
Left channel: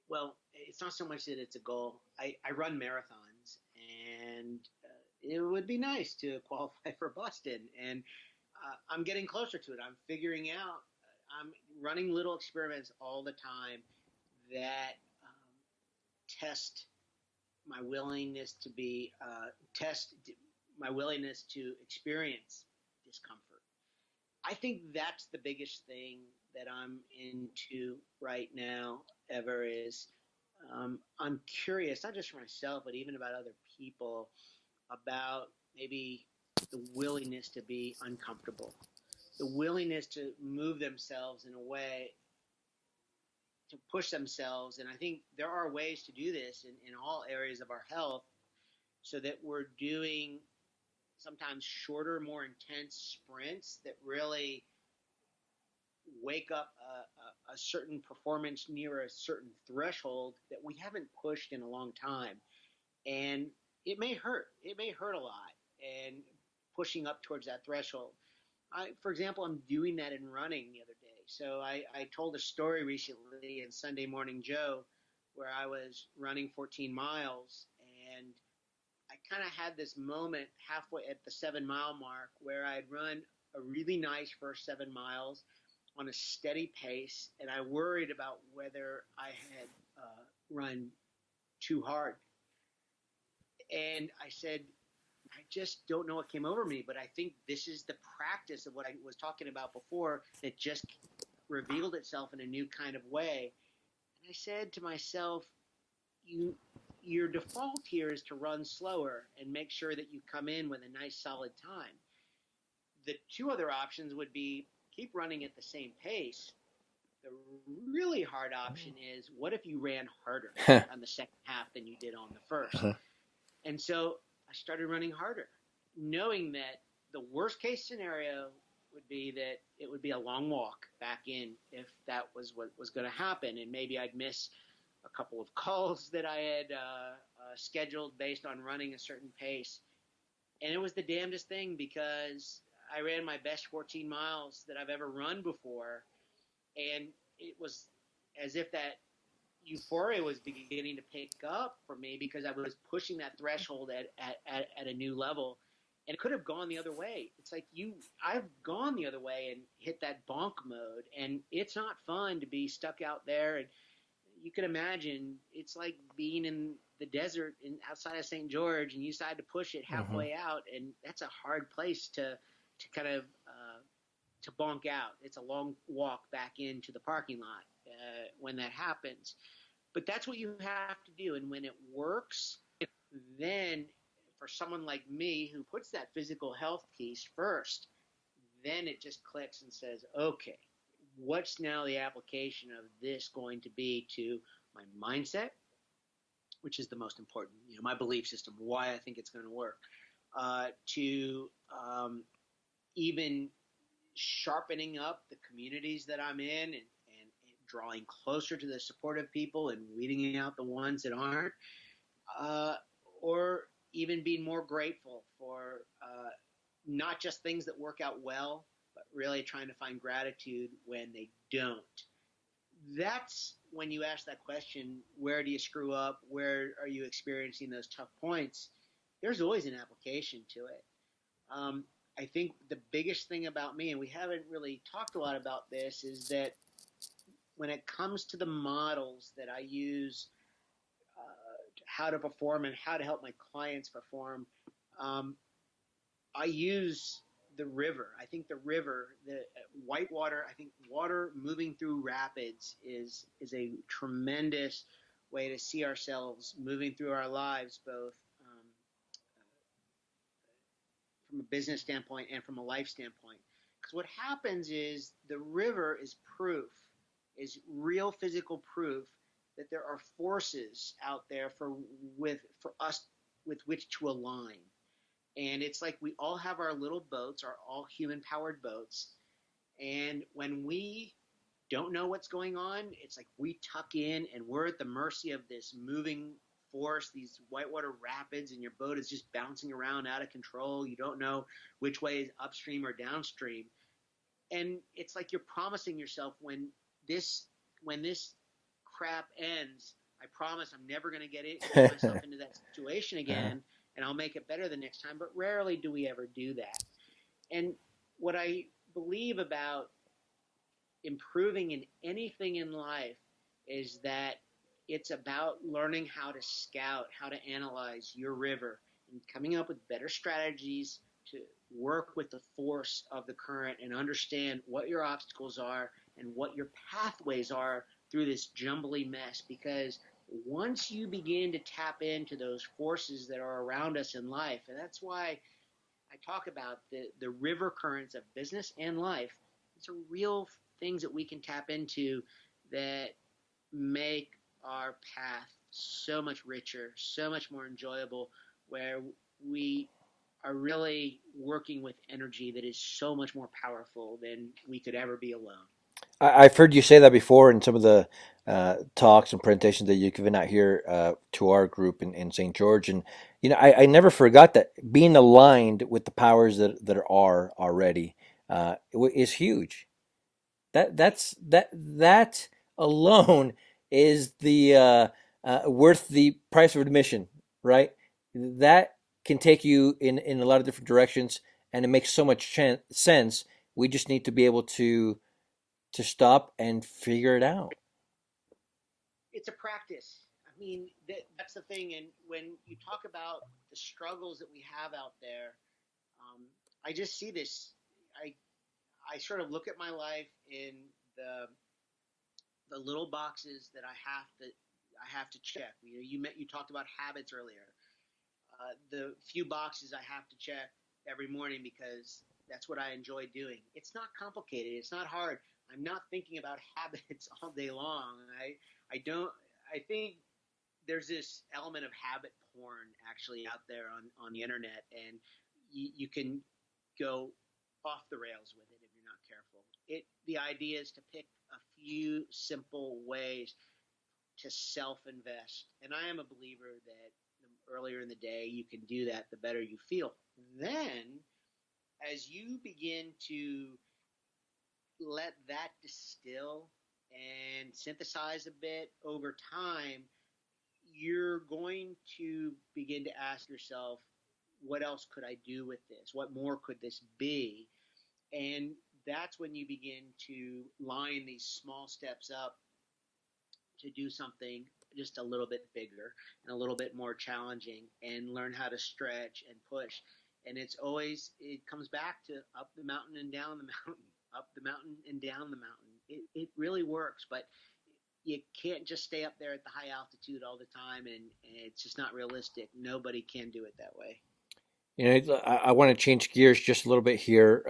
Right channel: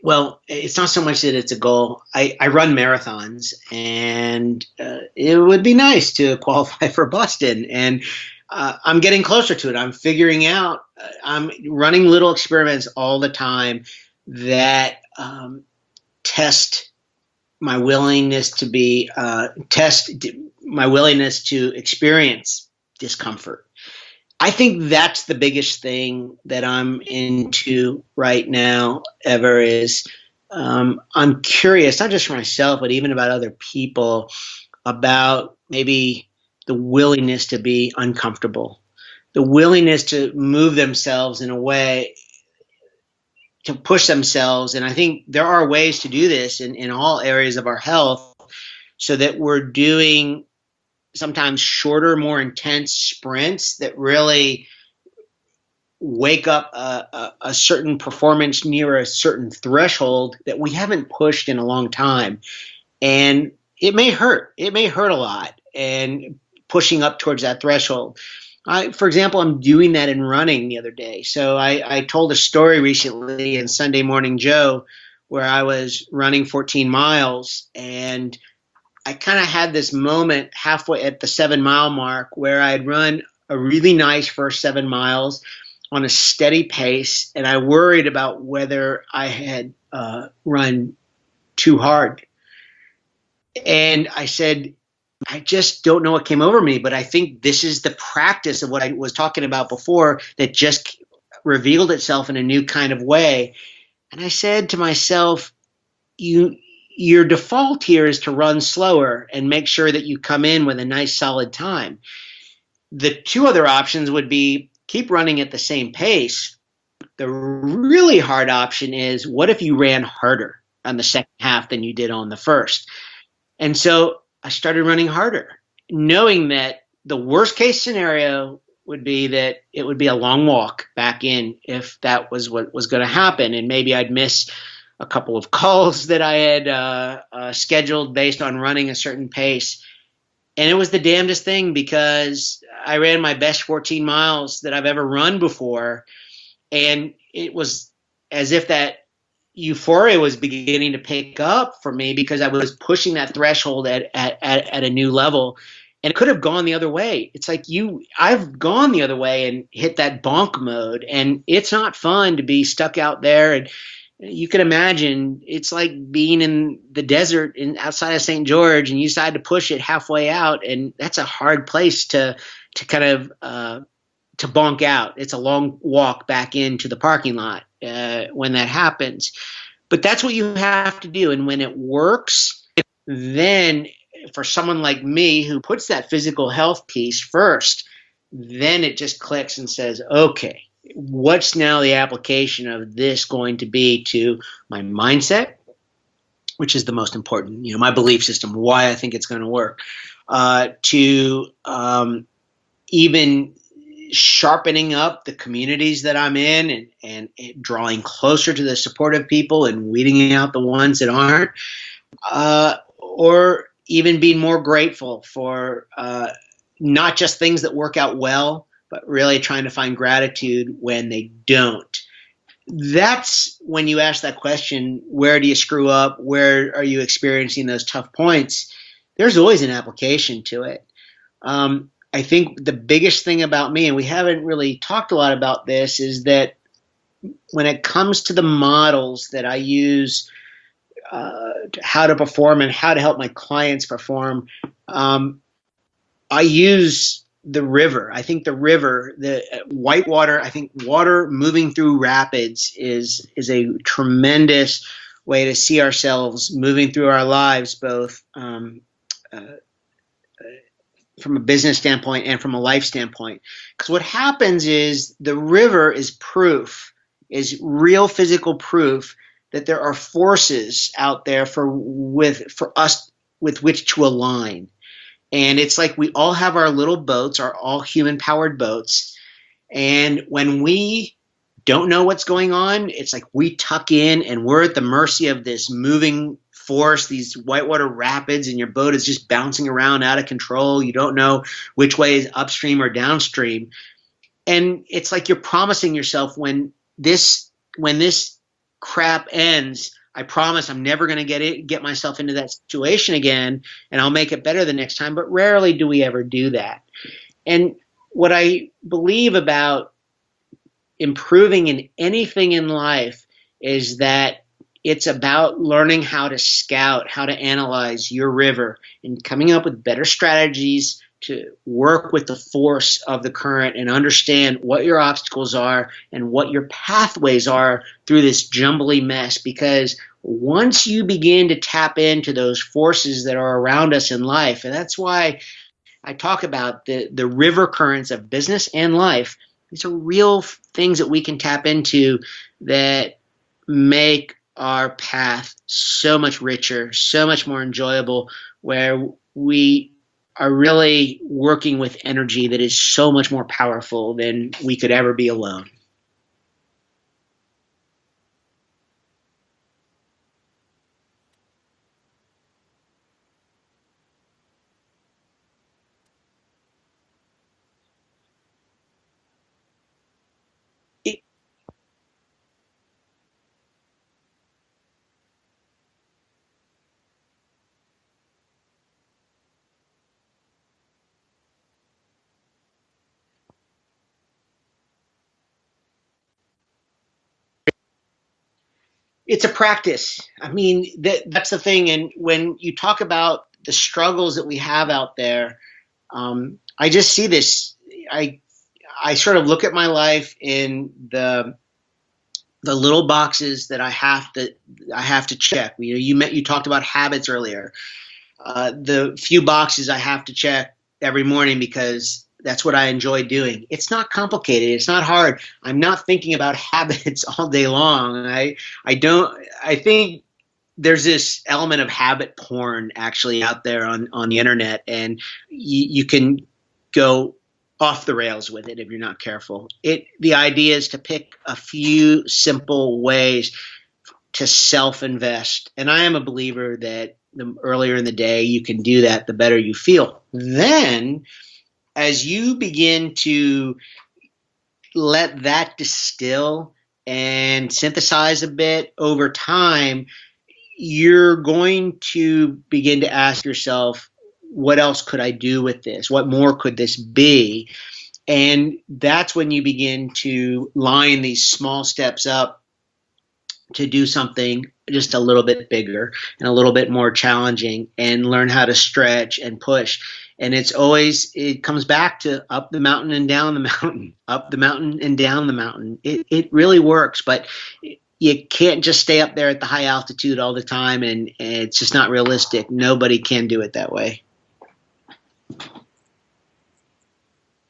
Well, it's not so much that it's a goal. I run marathons, and it would be nice to qualify for Boston. And I'm getting closer to it. I'm figuring out. I'm running little experiments all the time that test my willingness to experience discomfort. I think that's the biggest thing that I'm into right now ever is I'm curious, not just for myself, but even about other people, about maybe the willingness to be uncomfortable, the willingness to move themselves in a way to push themselves. And I think there are ways to do this in all areas of our health so that we're doing sometimes shorter, more intense sprints that really wake up a certain performance near a certain threshold that we haven't pushed in a long time. And it may hurt. It may hurt a lot. And pushing up towards that threshold. For example, I'm doing that in running the other day. So I told a story recently in Sunday Morning Joe where I was running 14 miles and I kind of had this moment halfway at the 7 mile mark where I'd run a really nice first 7 miles on a steady pace. And I worried about whether I had run too hard. And I said, I just don't know what came over me, but I think this is the practice of what I was talking about before that just revealed itself in a new kind of way. And I said to myself, your default here is to run slower and make sure that you come in with a nice solid time. The two other options would be keep running at the same pace. The really hard option is what if you ran harder on the second half than you did on the first? And so I started running harder, knowing that the worst case scenario would be that it would be a long walk back in if that was what was going to happen. And maybe I'd miss a couple of calls that I had scheduled based on running a certain pace. And it was the damnedest thing because I ran my best 14 miles that I've ever run before. And it was as if that euphoria was beginning to pick up for me because I was pushing that threshold at a new level. And it could have gone the other way. It's like I've gone the other way and hit that bonk mode. And it's not fun to be stuck out there. And you can imagine it's like being in the desert outside of St. George and you decide to push it halfway out. And that's a hard place to kind of to bonk out. It's a long walk back into the parking lot when that happens. But that's what you have to do. And when it works, then for someone like me who puts that physical health piece first, then it just clicks and says, okay, what's now the application of this going to be to my mindset, which is the most important, my belief system, why I think it's going to work, to even sharpening up the communities that I'm in and drawing closer to the supportive people and weeding out the ones that aren't, or even being more grateful for not just things that work out well, but really trying to find gratitude when they don't. That's when you ask that question, where do you screw up? Where are you experiencing those tough points? There's always an application to it. I think the biggest thing about me, and we haven't really talked a lot about this, is that when it comes to the models that I use, how to perform and how to help my clients perform, I use the river. I think the river, the whitewater, I think water moving through rapids is a tremendous way to see ourselves moving through our lives, both uh, from a business standpoint and from a life standpoint. Because what happens is the river is proof, is real physical proof that there are forces out there for us with which to align. And it's like we all have our little boats, our all human powered boats. And when we don't know what's going on, it's like we tuck in and we're at the mercy of this moving force, these whitewater rapids, and your boat is just bouncing around out of control. You don't know which way is upstream or downstream. And it's like you're promising yourself when this crap ends, I promise I'm never going to get myself into that situation again, and I'll make it better the next time. But rarely do we ever do that. And what I believe about improving in anything in life is that it's about learning how to scout, how to analyze your river, and coming up with better strategies to work with the force of the current and understand what your obstacles are and what your pathways are through this jumbly mess. Because once you begin to tap into those forces that are around us in life, and that's why I talk about the river currents of business and life, these are real things that we can tap into that make our path so much richer, so much more enjoyable, where we are really working with energy that is so much more powerful than we could ever be alone. I've heard you say that before in some of the talks and presentations that you've given out here to our group in St. George. And, I never forgot that being aligned with the powers that are already is huge. That alone is the worth the price of admission, right? That can take you in a lot of different directions, and it makes so much sense. We just need to be able to stop and figure it out. It's a practice. I mean, that's the thing. And when you talk about the struggles that we have out there, I just see this. I sort of look at my life in the little boxes that I have to check. You talked about habits earlier. The few boxes I have to check every morning because that's what I enjoy doing. It's not complicated. It's not hard. I'm not thinking about habits all day long. I think there's this element of habit porn actually out there on the internet, and you can go off the rails with it if you're not careful. The idea is to pick a few simple ways to self-invest. And I am a believer that the earlier in the day you can do that, the better you feel. Then as you begin to let that distill and synthesize a bit over time, you're going to begin to ask yourself, what else could I do with this? What more could this be? And that's when you begin to line these small steps up to do something just a little bit bigger and a little bit more challenging, and learn how to stretch and push. And it comes back to up the mountain and down the mountain, up the mountain and down the mountain. It really works, but you can't just stay up there at the high altitude all the time, and it's just not realistic. Nobody can do it that way. I want to change gears just a little bit here,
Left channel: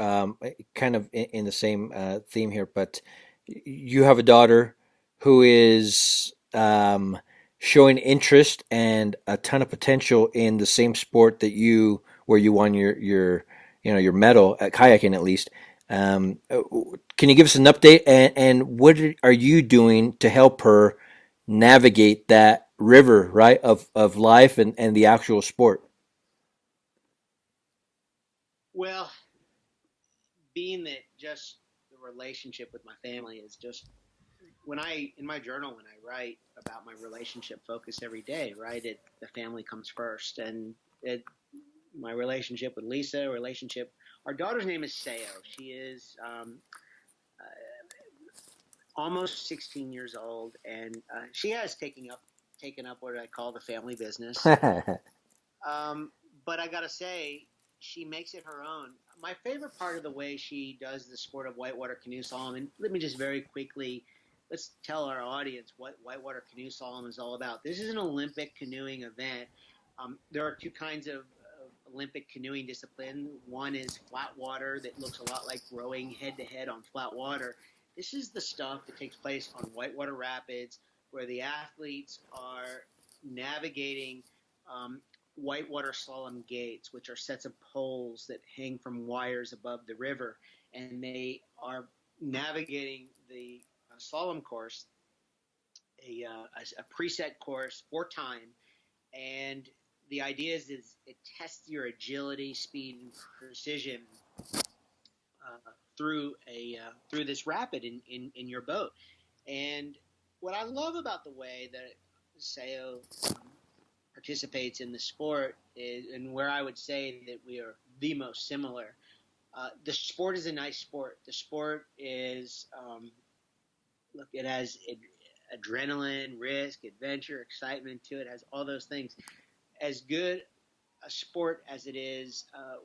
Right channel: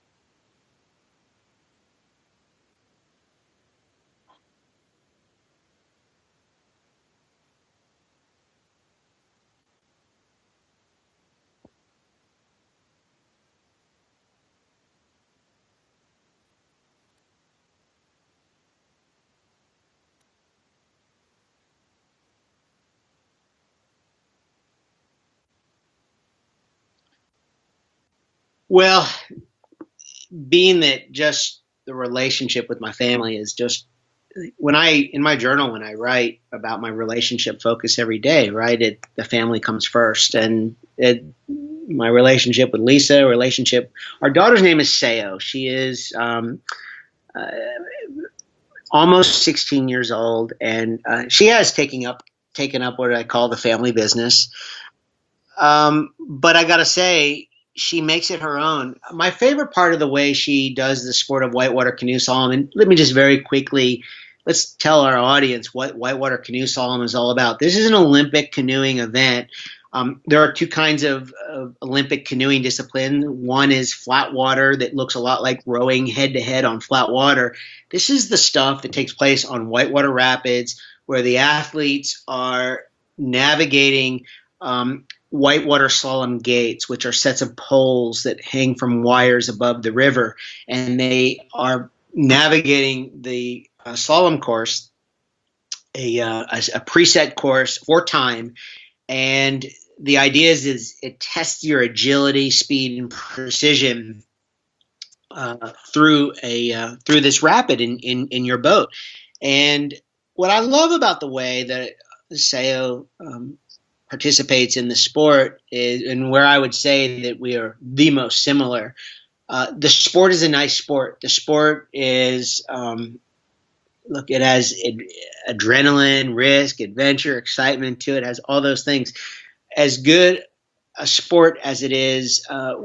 kind of in the same theme here, but you have a daughter who is showing interest and a ton of potential in the same sport where you won your medal at kayaking, at least. Can you give us an update, and what are you doing to help her navigate that river, right, of life and the actual sport? Well, being that just the relationship with my family is just in my journal, when I write about my relationship focus every day, right, the family comes first. And my relationship with Lisa, our daughter's name is Sayo. She is almost 16 years old, and she has taken up what I call the family business. But I got to say, she makes it her own. My favorite part of the way she does the sport of whitewater canoe slalom, and let me just very quickly let's tell our audience what whitewater canoe slalom is all about. This is an Olympic canoeing event. There are two kinds of Olympic canoeing discipline. One is flat water that looks a lot like rowing head to head on flat water. This is the stuff that takes place on whitewater rapids, where the athletes are navigating whitewater slalom gates, which are sets of poles that hang from wires above the river, and they are navigating the slalom course, a preset course for time. And the idea is it tests your agility, speed, and precision through this rapid in your boat. And what I love about the way that Seo participates in the sport is, and where I would say that we are the most similar. The sport is a nice sport. The sport is look, it has adrenaline, risk, adventure, excitement to it. It has all those things. As good a sport as it is, I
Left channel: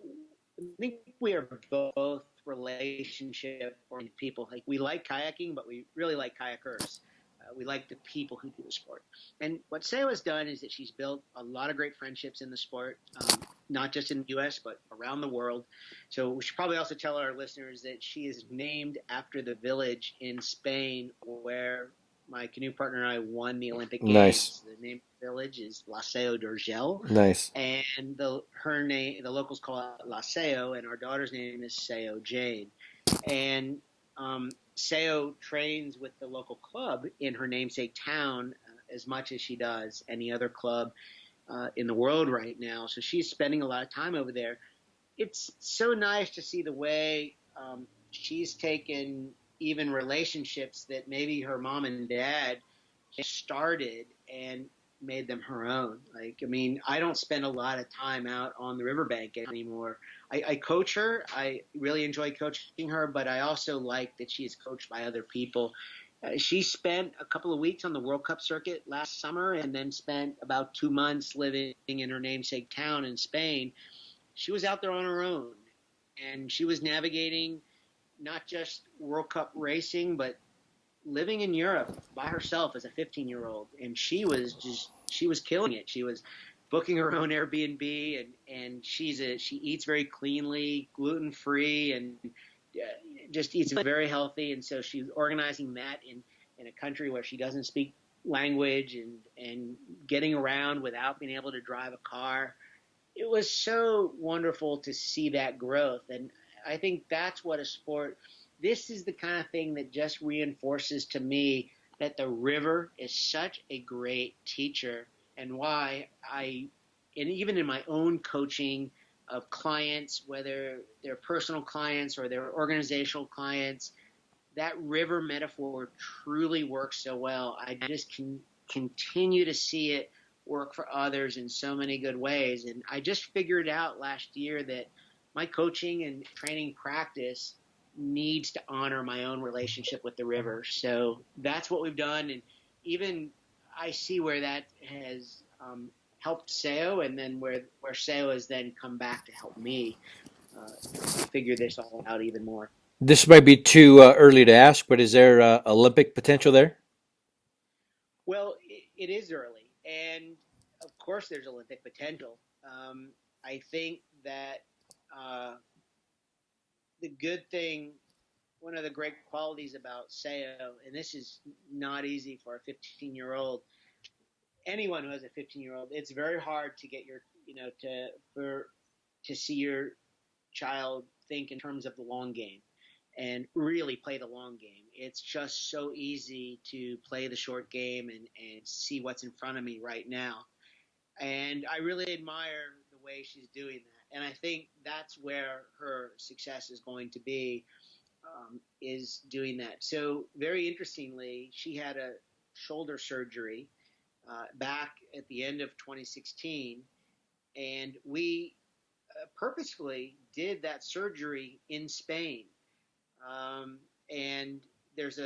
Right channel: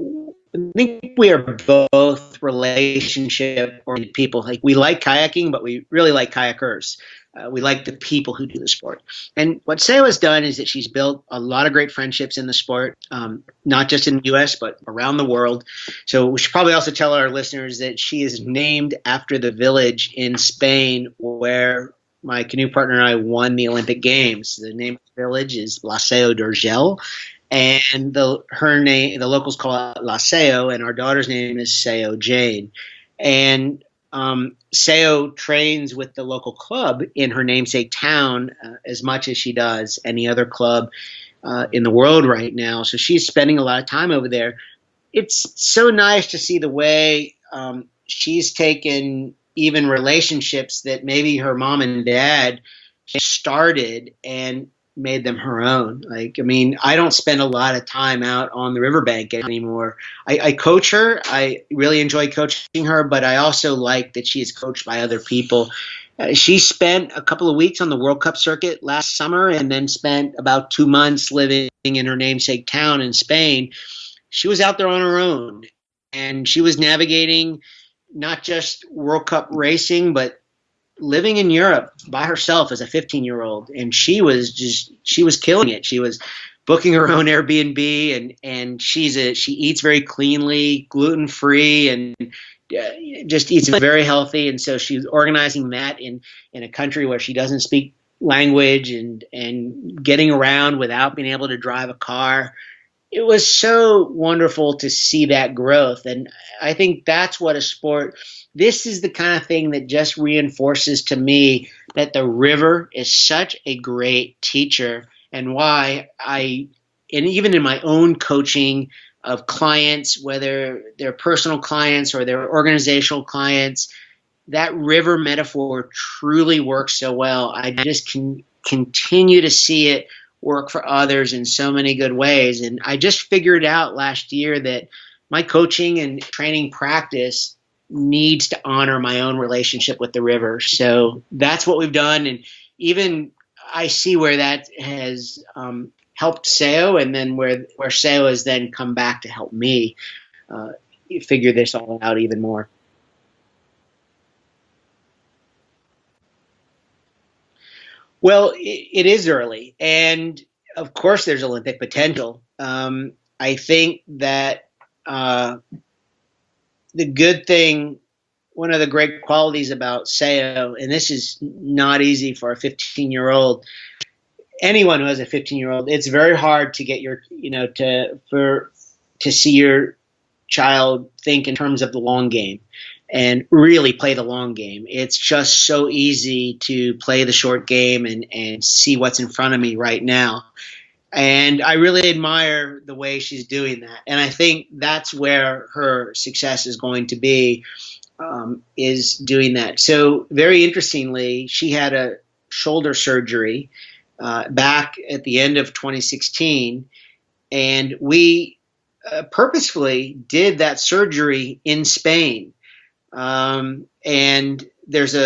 think we are both relationship-oriented people. Like, we like kayaking, but we really like kayakers. We like the people who do the sport. And what Seo has done is that she's built a lot of great friendships in the sport, not just in the U.S., but around the world. So we should probably also tell our listeners that she is named after the village in Spain where my canoe partner and I won the Olympic Games. Nice. The name of the village is Laseo d'Urgell. Nice. And the locals call it Laseo, and our daughter's name is Seo Jane. And Seo trains with the local club in her namesake town as much as she does any other club in the world right now. So she's spending a lot of time over there. It's so nice to see the way she's taken even relationships that maybe her mom and dad started and made them her own. Like, I mean, I don't spend a lot of time out on the riverbank anymore. I coach her. I really enjoy coaching her, but I also like that she is coached by other people. She spent a couple of weeks on the World Cup circuit last summer and then spent about 2 months living in her namesake town in Spain. She was out there on her own, and she was navigating not just World Cup racing, but living in Europe by herself as a 15-year-old. And she was killing it. She was booking her own Airbnb, and she eats very cleanly, gluten-free, and just eats very healthy. And so she's organizing that in a country where she doesn't speak language and getting around without being able to drive a car. It was so wonderful to see that growth. And I think that's what a sport, this is the kind of thing that just reinforces to me that the river is such a great teacher, and why and even in my own coaching of clients, whether they're personal clients or they're organizational clients, that river metaphor truly works so well. I just can continue to see it work for others in so many good ways. And I just figured out last year that my coaching and training practice needs to honor my own relationship with the river. So that's what we've done. And even I see where that has helped Seo, and then where Seo has then come back to help me figure this all out even more. This might be too early to ask, but is there Olympic potential there? Well, it is early, and of course there's Olympic potential. I think that the good thing, one of the great qualities about Seo, and this is not easy for a 15-year-old, anyone who has a 15-year-old, it's very hard to get to see your child think in terms of the long game and really play the long game. It's just so easy to play the short game and see what's in front of me right now. And I really admire the way she's doing that. And I think that's where her success is going to be, is doing that. So very interestingly, she had a shoulder surgery back at the end of 2016. And we purposefully did that surgery in Spain. And there's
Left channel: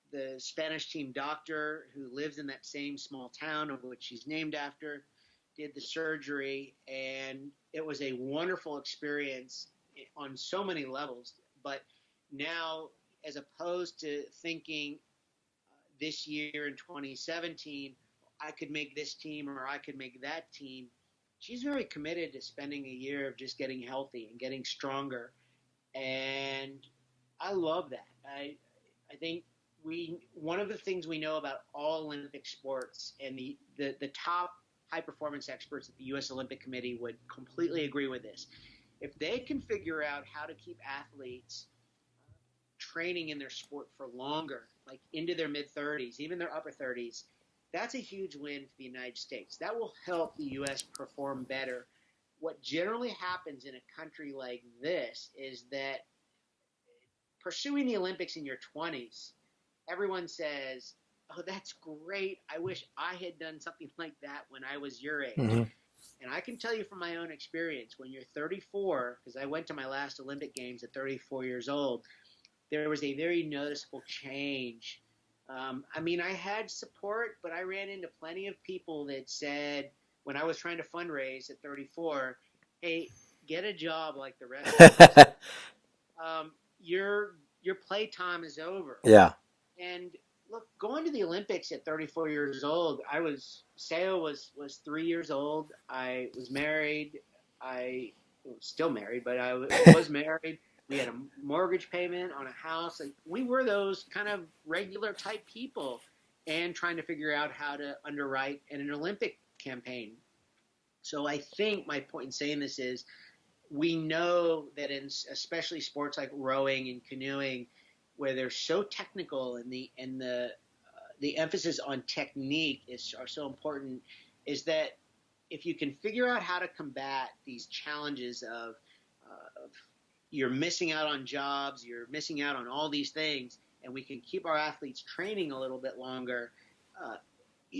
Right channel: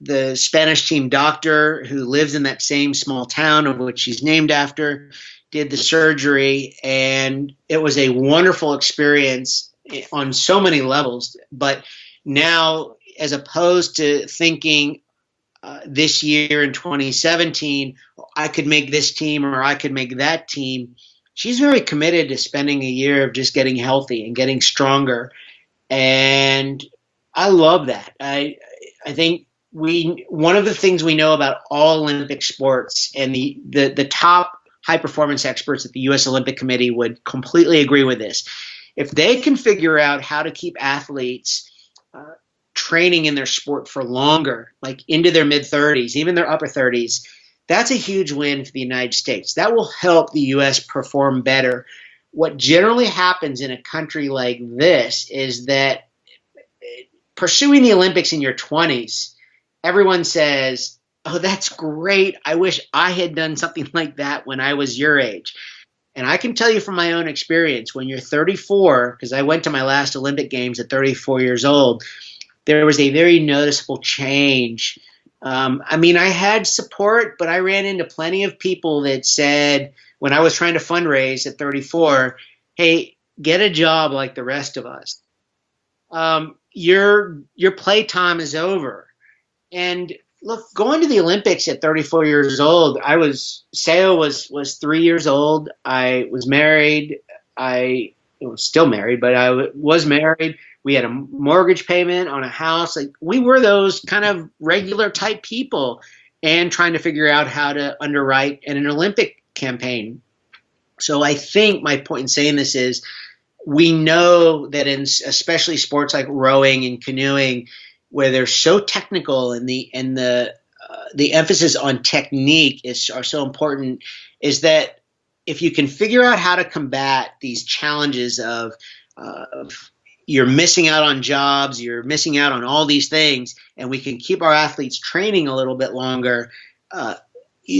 the Spanish team doctor who lives in that same small town of which she's named after, did the surgery, and it was a wonderful experience on so many levels. But now, as opposed to thinking this year in 2017, I could make this team or I could make that team. She's very committed to spending a year of just getting healthy and getting stronger. And I love that. I think one of the things we know about all Olympic sports, and the top high performance experts at the U.S. Olympic Committee would completely agree with this. If they can figure out how to keep athletes training in their sport for longer, like into their mid 30s, even their upper 30s, that's a huge win for the United States. That will help the U.S. perform better. What generally happens in a country like this is that pursuing the Olympics in your 20s, everyone says, oh, that's great. I wish I had done something like that when I was your age. Mm-hmm. And I can tell you from my own experience, when you're 34, because I went to my last Olympic Games at 34 years old, there was a very noticeable change. I mean, I had support, but I ran into plenty of people that said, when I was trying to fundraise at 34, hey, get a job like the rest of us. Your play time is over. Yeah. And look, going to the Olympics at 34 years old, Seo was 3 years old. I was married. I was still married, but I was married. We had a mortgage payment on a house. Like, we were those kind of regular type people and trying to figure out how to underwrite an Olympic campaign. So I think my point in saying this is, we know that in especially sports like rowing and canoeing, where they're so technical and the emphasis on technique are so important, is that if you can figure out how to combat these challenges of you're missing out on jobs, you're missing out on all these things, and we can keep our athletes training a little bit longer,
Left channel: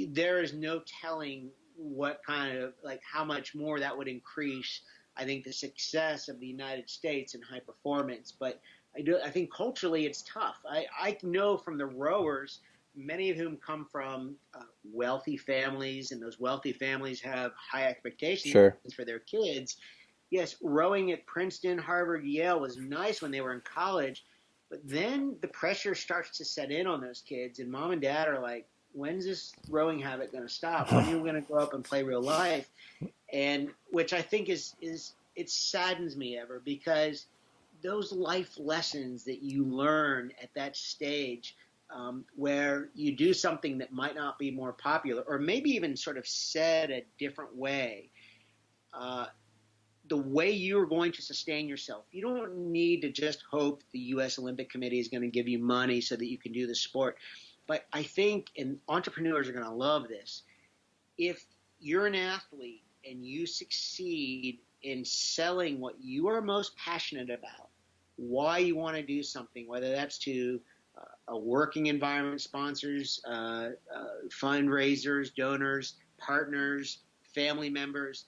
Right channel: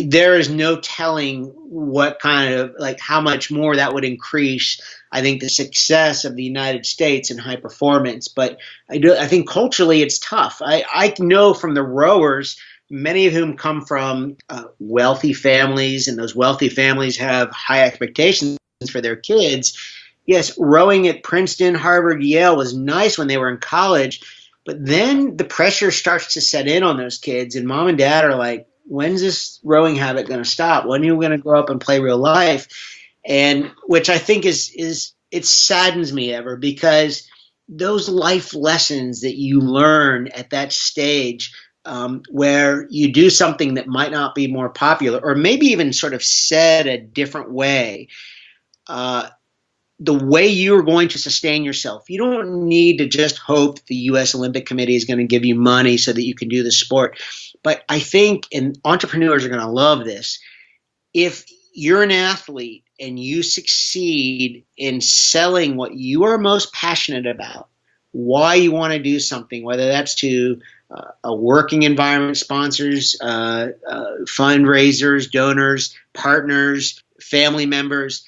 there is no telling what kind of, like, how much more that would increase, I think, the success of the United States in high performance. But I think culturally it's tough. I know from the rowers, many of whom come from wealthy families, and those wealthy families have high expectations for their kids. Yes, rowing at Princeton, Harvard, Yale was nice when they were in college, but then the pressure starts to set in on those kids, and mom and dad are like, when's this rowing habit going to stop? When are you going to grow up and play real life? And which I think is it saddens me ever, because those life lessons that you learn at that stage, where you do something that might not be more popular, or maybe even sort of said a different way, the way you're going to sustain yourself. You don't need to just hope the U.S. Olympic Committee is going to give you money so that you can do the sport. But I think, and entrepreneurs are going to love this, if you're an athlete and you succeed in selling what you are most passionate about, why you want to do something, whether that's to a working environment, sponsors, fundraisers, donors, partners, family members,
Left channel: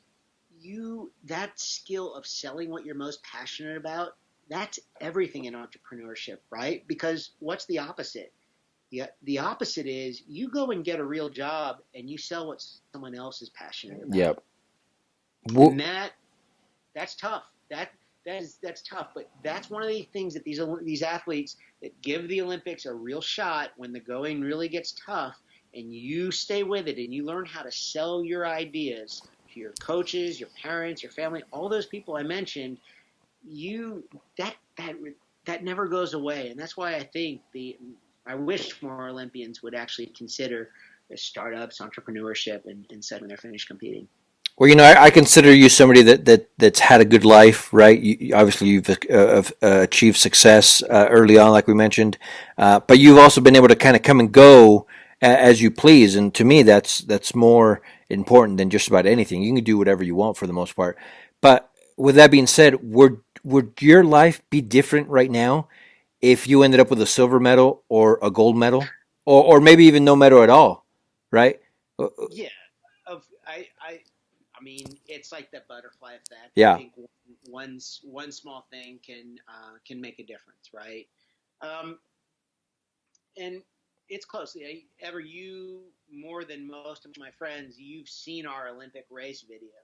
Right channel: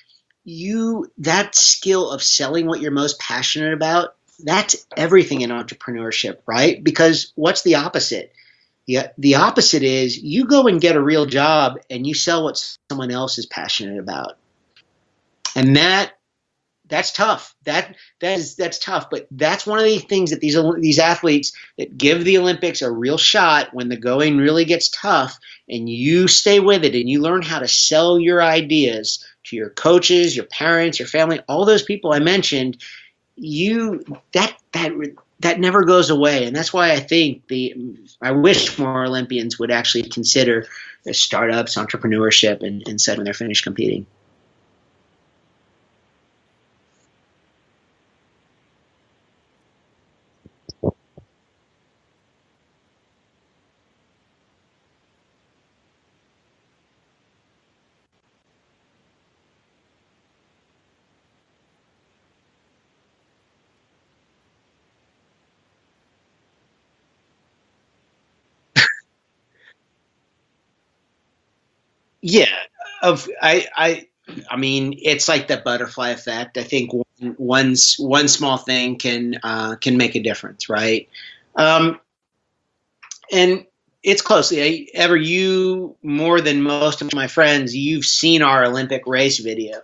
that skill of selling what you're most passionate about, that's everything in entrepreneurship, right? Because what's the opposite? The opposite is you go and get a real job and you sell what someone else is passionate about. Yep. And that's tough. That's tough. But that's one of the things that these athletes that give the Olympics a real shot, when the going really gets tough, and you stay with it and you learn how to sell your ideas to your coaches, your parents, your family, all those people I mentioned, that never goes away. And that's why I think I wish more Olympians would actually consider startups, entrepreneurship, and said when they're finished competing. Well, I consider you somebody that's had a good life, right? Obviously, you've achieved success early on, like we mentioned, but you've also been able to kind of come and go as you please. And to me, that's more important than just about anything. You can do whatever you want for the most part. But with that being said, would your life be different right now if you ended up with a silver medal or a gold medal, or maybe even no medal at all, right? Yeah, I mean, it's like the butterfly effect. I think one small thing can make a difference, right? And it's closely. You more than most of my friends, you've seen our Olympic race video.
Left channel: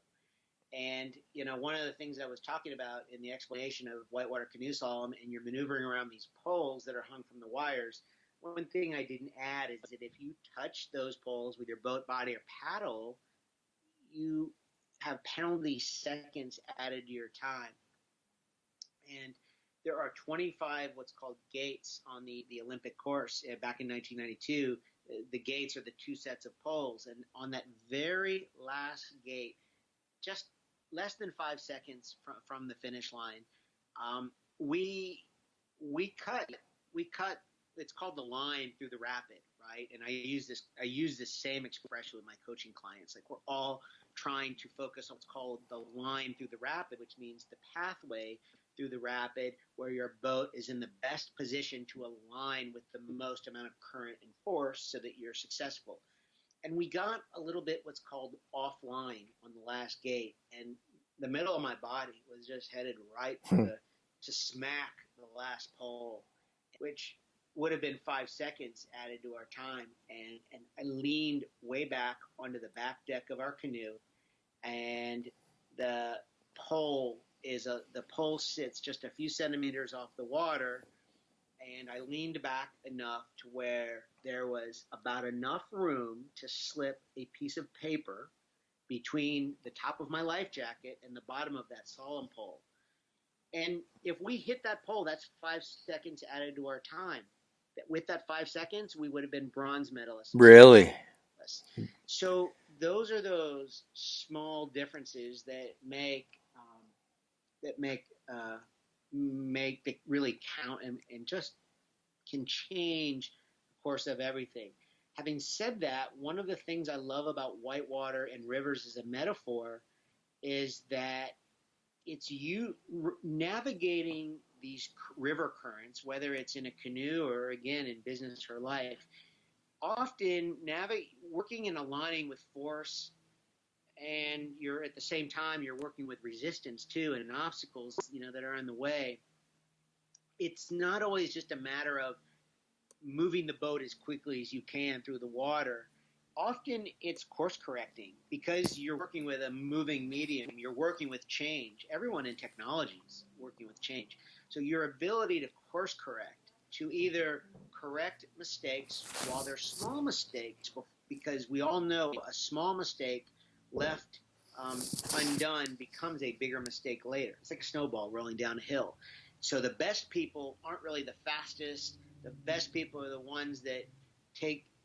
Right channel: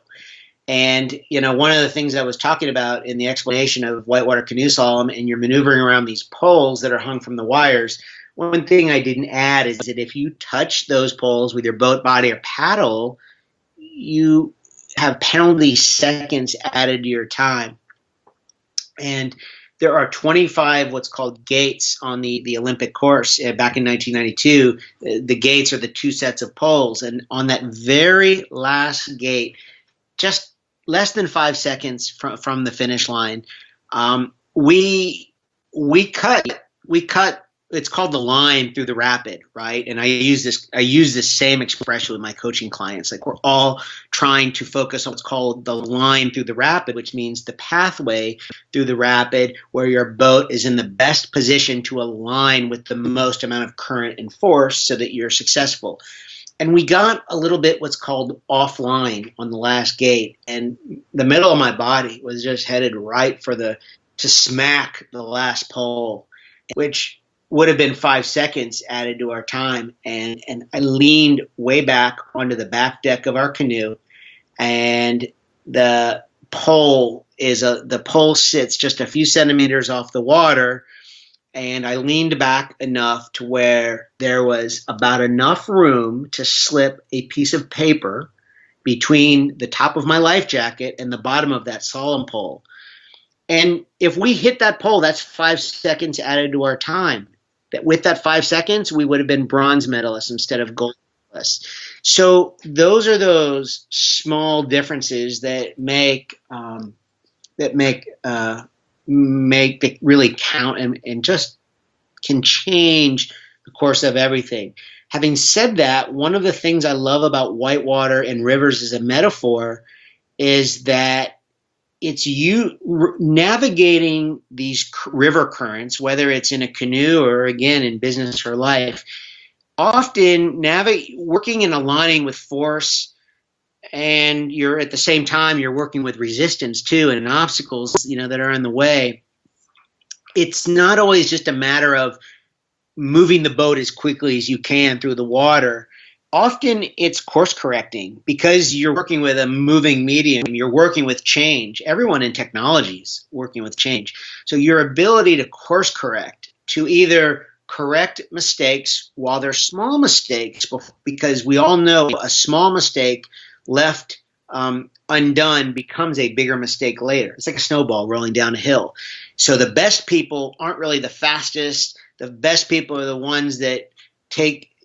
And, one of the things I was talking about in the explanation of whitewater canoe slalom, and you're maneuvering around these poles that are hung from the wires, one thing I didn't add is that if you touch those poles with your boat body or paddle, you have penalty seconds added to your time. And there are 25 what's called gates on the Olympic course back in 1992. The gates are the two sets of poles. And on that very last gate, just less than 5 seconds from the finish line, we cut it's called the line through the rapid, right? And I use this same expression with my coaching clients. Like, we're all trying to focus on what's called the line through the rapid, which means the pathway through the rapid where your boat is in the best position to align with the most amount of current and force so that you're successful. And we got a little bit what's called offline on the last gate, and the middle of my body was just headed right to smack the last pole, which would have been 5 seconds added to our time. And I leaned way back onto the back deck of our canoe, and the pole sits just a few centimeters off the water. And I leaned back enough to where there was about enough room to slip a piece of paper between the top of my life jacket and the bottom of that slalom pole. And if we hit that pole, that's 5 seconds added to our time. That with that 5 seconds, we would have been bronze medalists instead of gold medalists. So those are those small differences that make it really count and just can change the course of everything. Having said that, one of the things I love about whitewater and rivers as a metaphor is that it's you navigating these river currents, whether it's in a canoe or, again, in business or life, often working and aligning with force, and you're at the same time you're working with resistance too and obstacles that are in the way. It's not always just a matter of moving the boat as quickly as you can through the water. Often it's course correcting because you're working with a moving medium. You're working with change. Everyone in technology is working with change. So your ability to course correct, to either correct mistakes while they're small mistakes, because we all know a small mistake left undone becomes a bigger mistake later. It's like a snowball rolling down a hill. So the best people aren't really the fastest. The best people are the ones that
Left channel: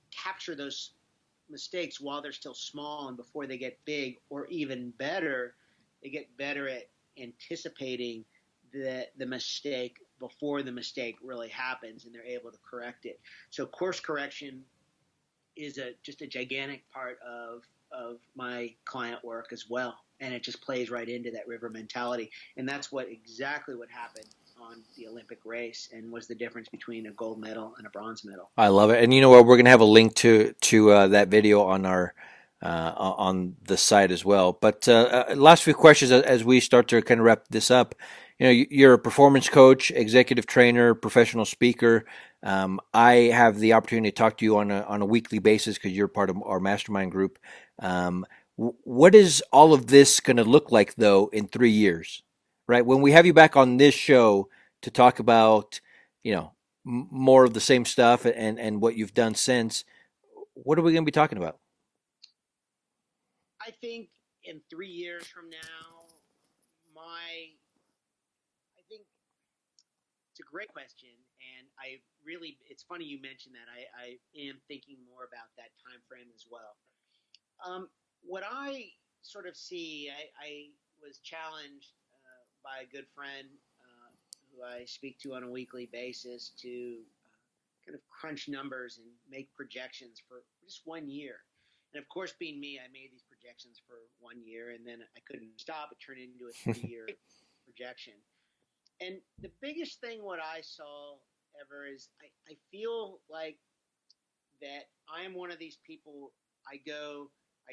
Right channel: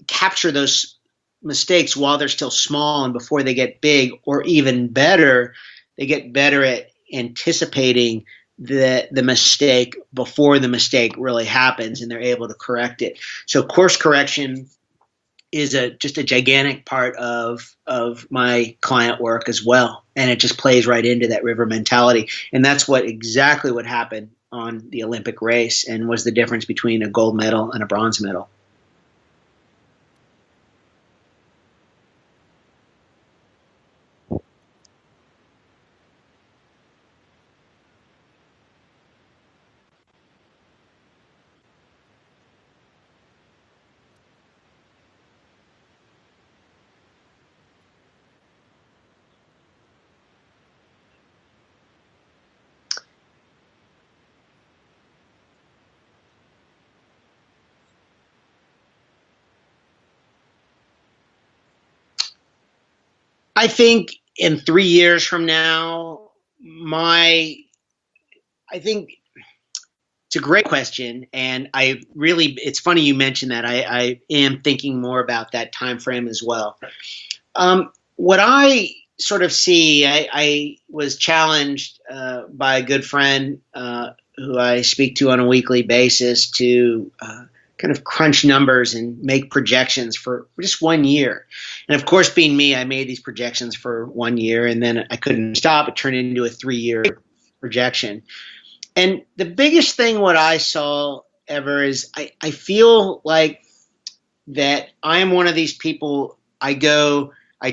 capture those mistakes while they're still small and before they get big, or even better, they get better at anticipating the mistake before the mistake really happens, and they're able to correct it. So course correction is just a gigantic part of my client work as well. And it just plays right into that river mentality. And that's exactly what happened on the Olympic race and was the difference between a gold medal and a bronze medal. I love it. And you know what? We're going to have a link to that video on our on the site as well. But last few questions as we start to kind of wrap this up. You're a performance coach, executive trainer, professional speaker. I have the opportunity to talk to you on a weekly basis because you're part of our mastermind group. What is all of this going to look like, though, in 3 years, right? When we have you back on this show to talk about, more of the same stuff and what you've done since, what are we going to be talking about? I think in 3 years from now, I think it's a great question, and it's funny you mentioned that. I am thinking more about that time frame as well. What I sort of see, I was challenged by a good friend who I speak to on a weekly basis to kind of crunch numbers and make projections for just 1 year. And of course, being me, I made these projections for 1 year, and then I couldn't stop. It turned into a 3-year projection. And the biggest thing what I saw ever is I feel like that I am one of these people. I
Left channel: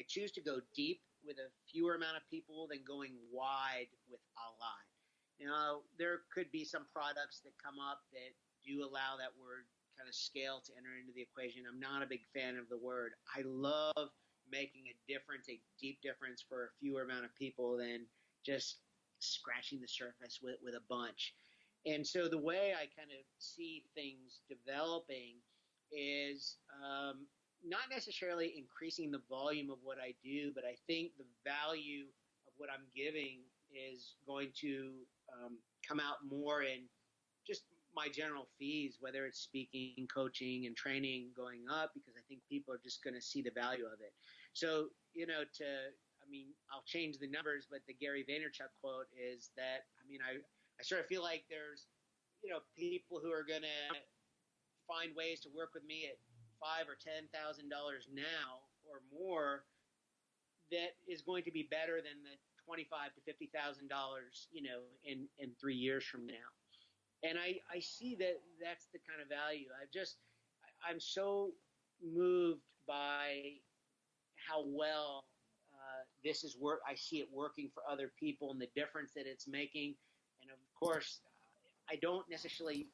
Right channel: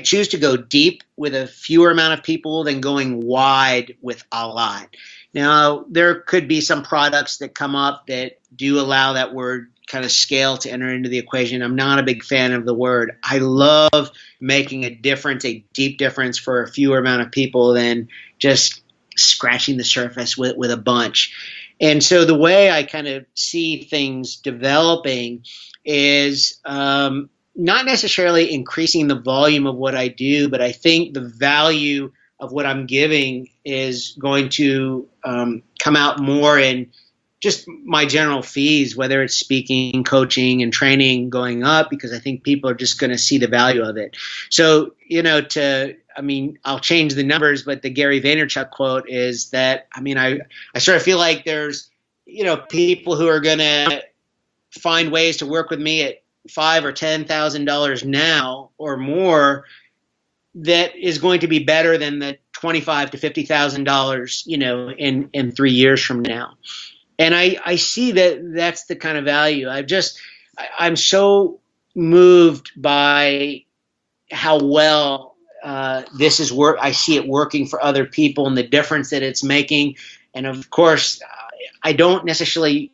choose to go deep with a fewer amount of people than going wide with a lot. Now, there could be some products that come up that do allow that word kind of scale to enter into the equation. I'm not a big fan of the word. I love making a difference, a deep difference for a fewer amount of people than just scratching the surface with a bunch. And so the way I kind of see things developing is not necessarily increasing the volume of what I do, but I think the value of what I'm giving is going to come out more in just my general fees, whether it's speaking, coaching, and training going up, because I think people are just going to see the value of it. So, I'll change the numbers, but the Gary Vaynerchuk quote is that, I sort of feel like there's, people who are going to find ways to work with me at $5,000 or $10,000 now or more that is going to be better than the $25,000 to $50,000, in 3 years from now. And I see that that's the kind of value. I'm so moved by how well this is work. I see it working for other people and the difference that it's making. And of course, I don't necessarily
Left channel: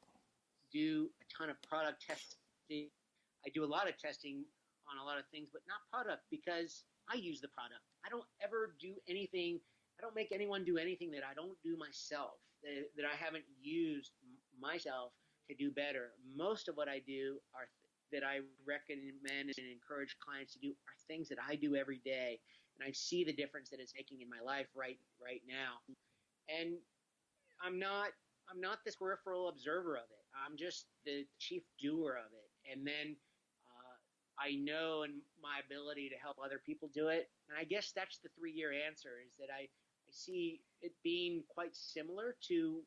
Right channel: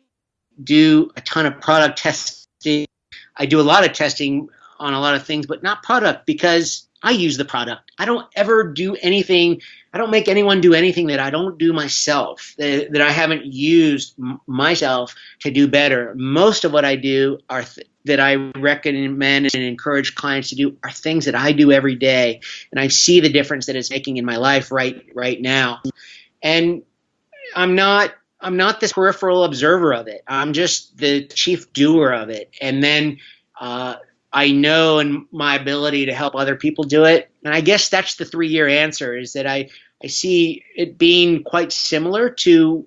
do a ton of product testing. I do a lot of testing on a lot of things, but not product, because I use the product. I don't ever do anything. I don't make anyone do anything that I don't do myself, that I haven't used myself to do better. Most of what I do that I recommend and encourage clients to do are things that I do every day, and I see the difference that it's making in my life right now. And I'm not this peripheral observer of it. I'm just the chief doer of it. And then I know in my ability to help other people do it. And I guess that's the 3-year answer, is that I see it being quite similar to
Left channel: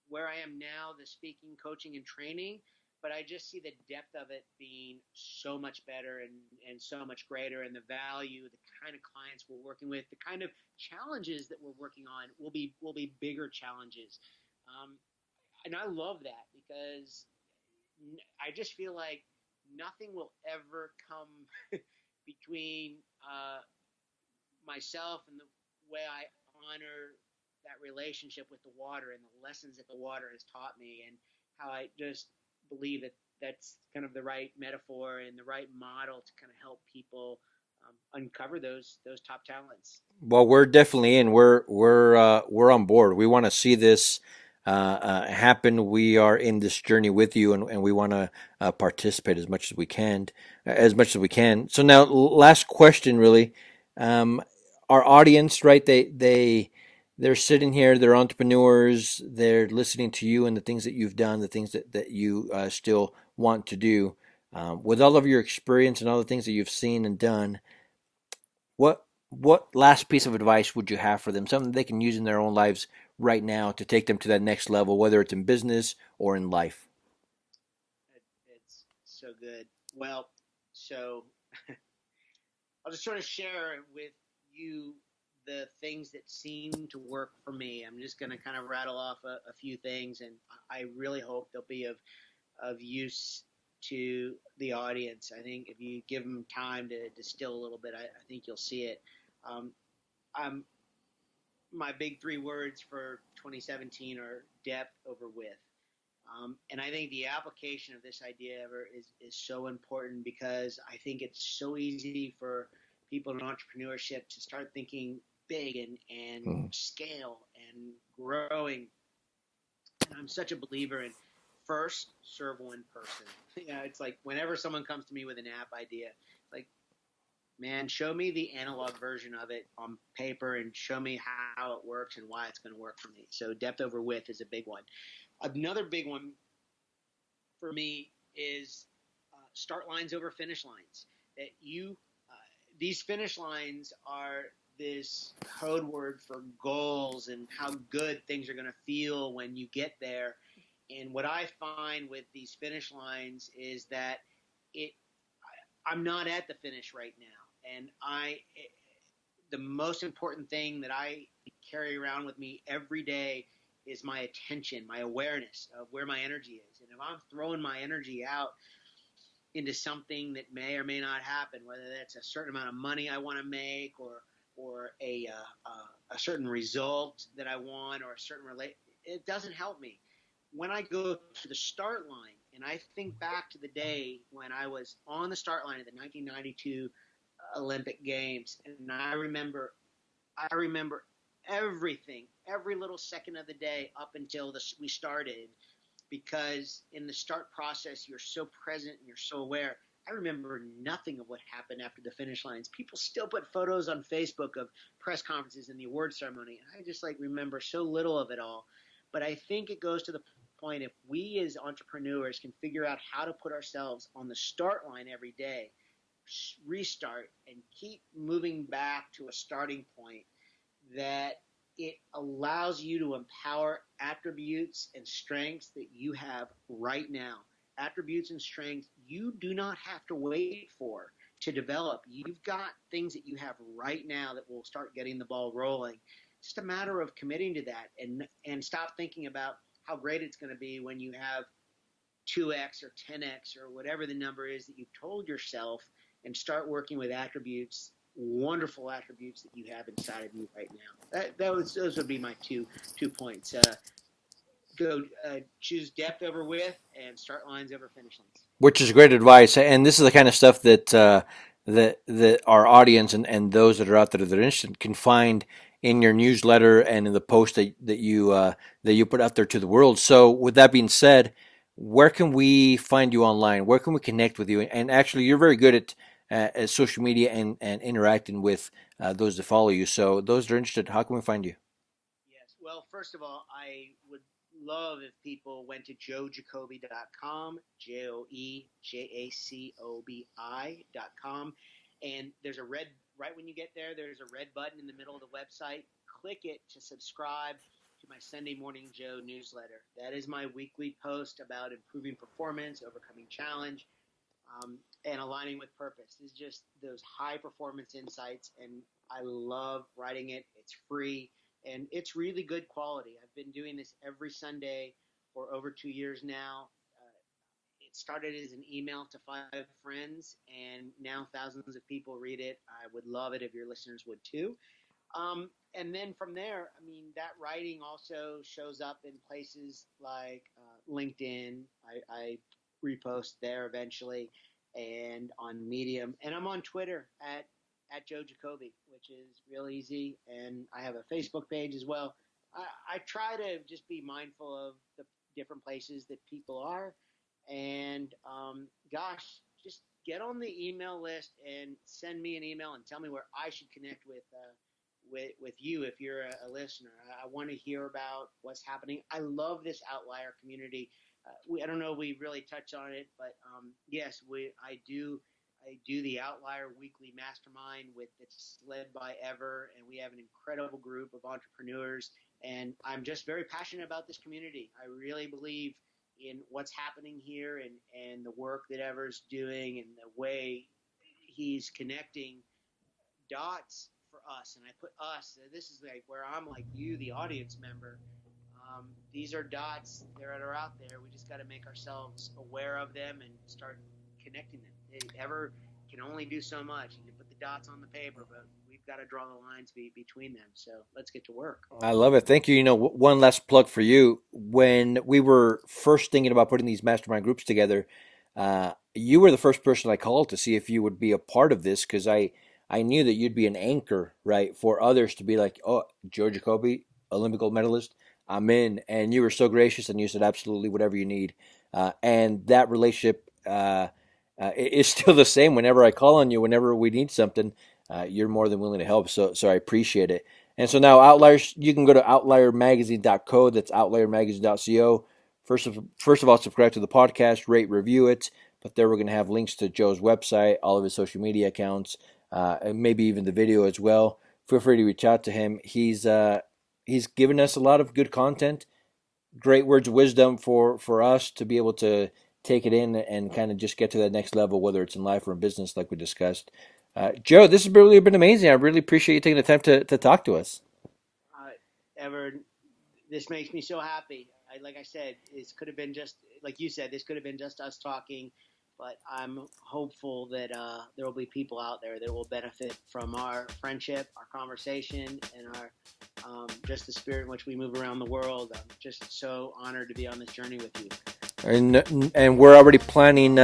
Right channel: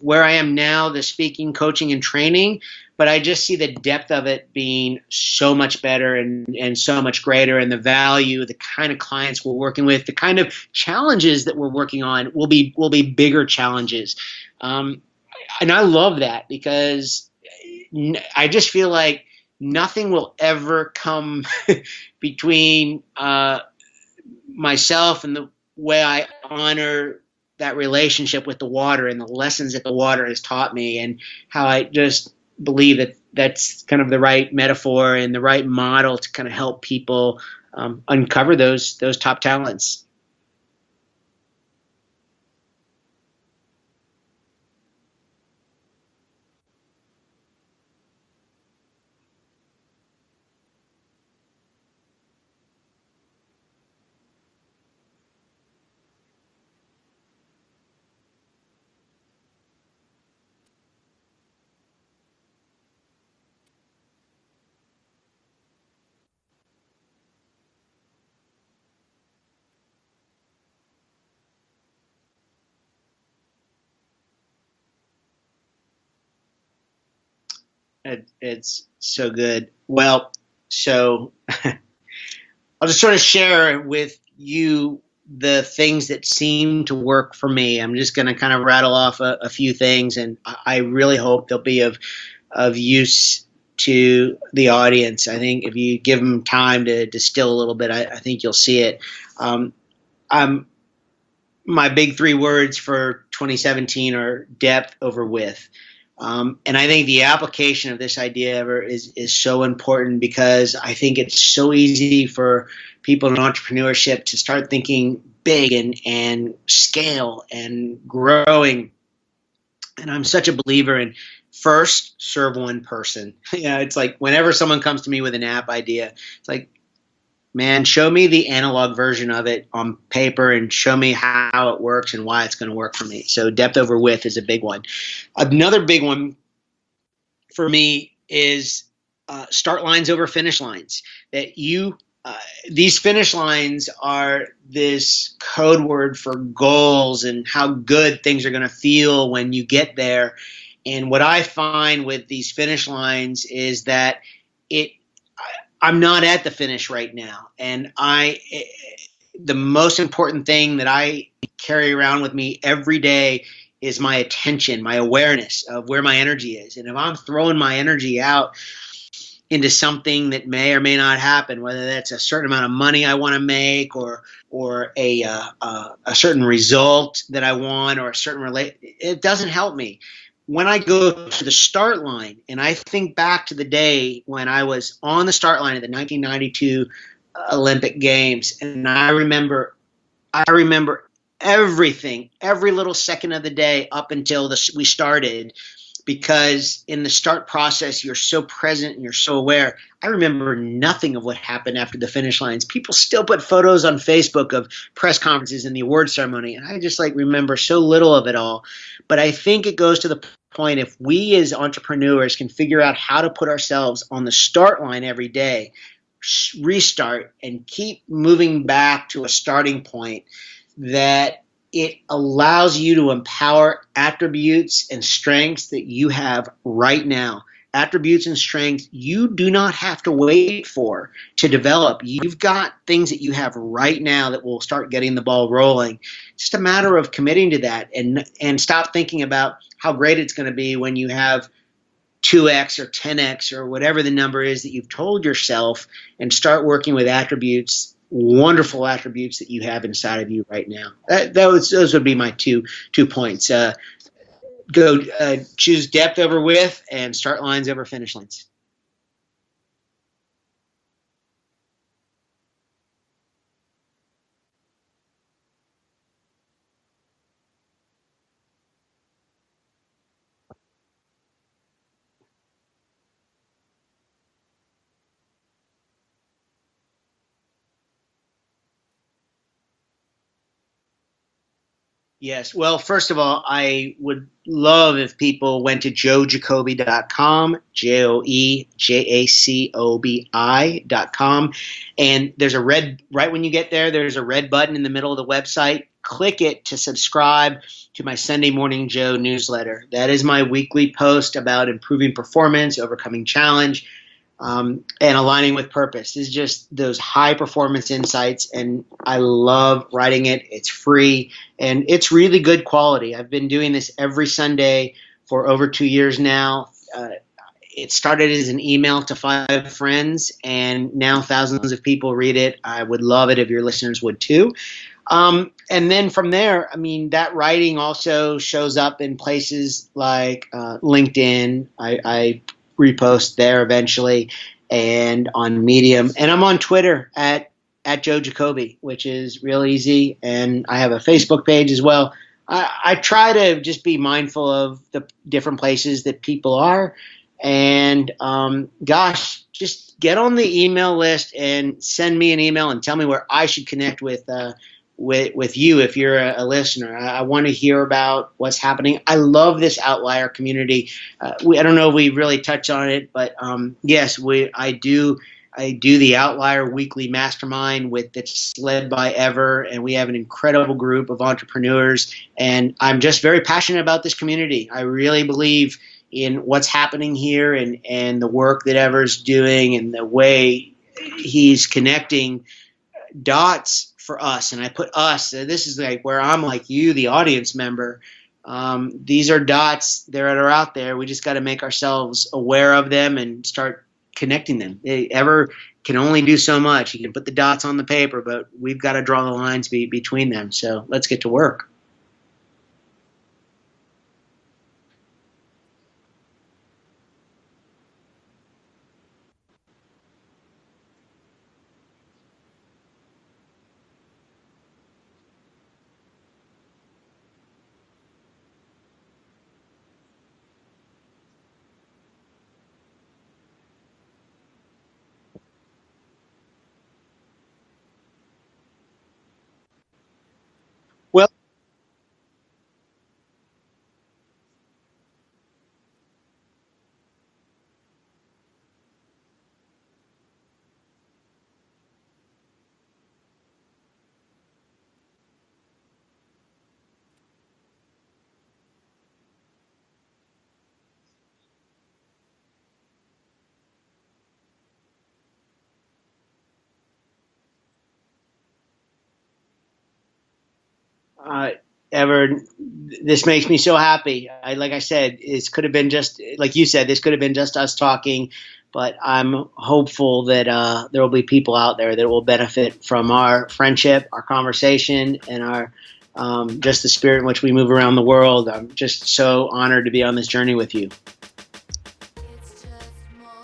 where I am now, the speaking, coaching, and training. But I just see the depth of it being so much better and so much greater, and the value, the kind of clients we're working with, the kind of challenges that we're working on will be bigger challenges. And I love that, because I just feel like nothing will ever come between myself and the way I honor that relationship with the water and the lessons that the water has taught me, and how I just believe that that's kind of the right metaphor and the right model to kind of help people uncover those top talents. Well, we're definitely in. We're on board. We want to see this happen. We are in this journey with you, and we want to participate as much as we can. So now, last question, really. Our audience, right? They're sitting here. They're entrepreneurs. They're listening to you and the things that you've done, the things that you still want to do. With all of your experience and all the things that you've seen and done, what last piece of advice would you have for them? Something they can use in their own lives right now to take them to that next level, whether it's in business or in life? It's so good. Well, so I'll just sort of share with you the things that seem to work for me. I'm just going to kind of rattle off a few things, and I really hope they'll be of use to the audience. I think if you give them time to distill a little bit, I think you'll see it. My big 3 words for 2017 are depth over width. And I think the application of this idea is so important, because I think it's so easy for people in entrepreneurship to start thinking big and scale and growing. And I'm such a believer in first serve one person. It's like whenever someone comes to me with an app idea, it's like, man, show me the analog version of it on paper and show me how it works and why it's going to work for me. So depth over width is a big one. Another big one for me is start lines over finish lines. That these finish lines are this code word for goals and how good things are going to feel when you get there. And what I find with these finish lines is that I'm not at the finish right now. And the most important thing that I carry around with me every day is my attention, my awareness of where my energy is. And if I'm throwing my energy out into something that may or may not happen, whether that's a certain amount of money I want to make or a certain result that I want or a certain it doesn't help me. When I go to the start line and I think back to the day when I was on the start line of the 1992 Olympic Games, and I remember everything, every little second of the day up until we started, because in the start process, you're so present and you're so aware. I remember nothing of what happened after the finish lines. People still put photos on Facebook of press conferences and the award ceremony. And I just remember so little of it all. But I think it goes to the point, if we as entrepreneurs can figure out how to put ourselves on the start line every day, restart and keep moving back to a starting point, that it allows you to empower attributes and strengths that you have right now. Attributes and strengths you do not have to wait for to develop. You've got things that you have right now that will start getting the ball rolling. It's just a matter of committing to that and stop thinking about how great it's going to be when you have 2x or 10x or whatever the number is that you've told yourself, and start working with attributes, wonderful attributes that you have inside of you right now. Those would be my two points. Go choose depth over width, and start lines over finish lines. Which is great advice, and this is the kind of stuff that that our audience and those that are out there that are interested can find in your newsletter and in the post that you put out there to the world. So, with that being said, where can we find you online? Where can we connect with you? And actually, you're very good at social media and interacting with those that follow you. So, those that are interested, how can we find you? Yes. Well, first of all, I would love if people went to joejacobi.com, JoeJacobi.com. And there's right when you get there, there's a red button in the middle of the website. Click it to subscribe to my Sunday Morning Joe newsletter. That is my weekly post about improving performance, overcoming challenge, and aligning with purpose. Is just those high performance insights, and I love writing it. It's free and it's really good quality. I've been doing this every Sunday for over 2 years now. It started as an email to 5 friends, and now thousands of people read it. I would love it if your listeners would too. And then from there, I mean, that writing also shows up in places like LinkedIn. I repost there eventually, and on Medium, and I'm on Twitter at Joe Jacobi, which is real easy, and I have a Facebook page as well. I try to just be mindful of the different places that people are, and just get on the email list and send me an email and tell me where I should connect with you if you're a listener. I want to hear about what's happening. I love this outlier community. I don't know if we really touch on it, but yes, I do the Outlier Weekly Mastermind that's led by Ever, and we have an incredible group of entrepreneurs, and I'm just very passionate about this community. I really believe in what's happening here and the work that Ever's doing and the way he's connecting dots for us. And I put us, this is like where I'm like you, the audience member. These are dots that are out there. We just got to make ourselves aware of them and start connecting them. Ever can only do so much. You can put the dots on the paper, but we've got to draw the lines between them. So let's get to work. I love it. Thank you. You know, one last plug for you. When we were first thinking about putting these mastermind groups together, you were the first person I called to see if you would be a part of this, because I knew that you'd be an anchor, right, for others to be like, oh, Joe Jacobi, Olympic gold medalist, I'm in. And you were so gracious, and you said absolutely whatever you need. And that relationship is still the same. Whenever I call on you, whenever we need something, you're more than willing to help. So I appreciate it. And so now Outliers, you can go to outliermagazine.co. That's outliermagazine.co. First of all, subscribe to the podcast, rate, review it. But there we're going to have links to Joe's website, all of his social media accounts, and maybe even the video as well. Feel free to reach out to him. He's given us a lot of good content, great words of wisdom for us to be able to take it in and kind of just get to that next level, whether it's in life or in business, like we discussed. Joe, this has really been amazing. I really appreciate you taking the time to talk to us. Ever, this makes me so happy. Like I said, it could have been just, like you said, this could have been just us talking, but I'm hopeful that there will be people out there that will benefit from our friendship, our conversation, and our just the spirit in which we move around the world. I'm just so honored to be on this journey with you. And we're already planning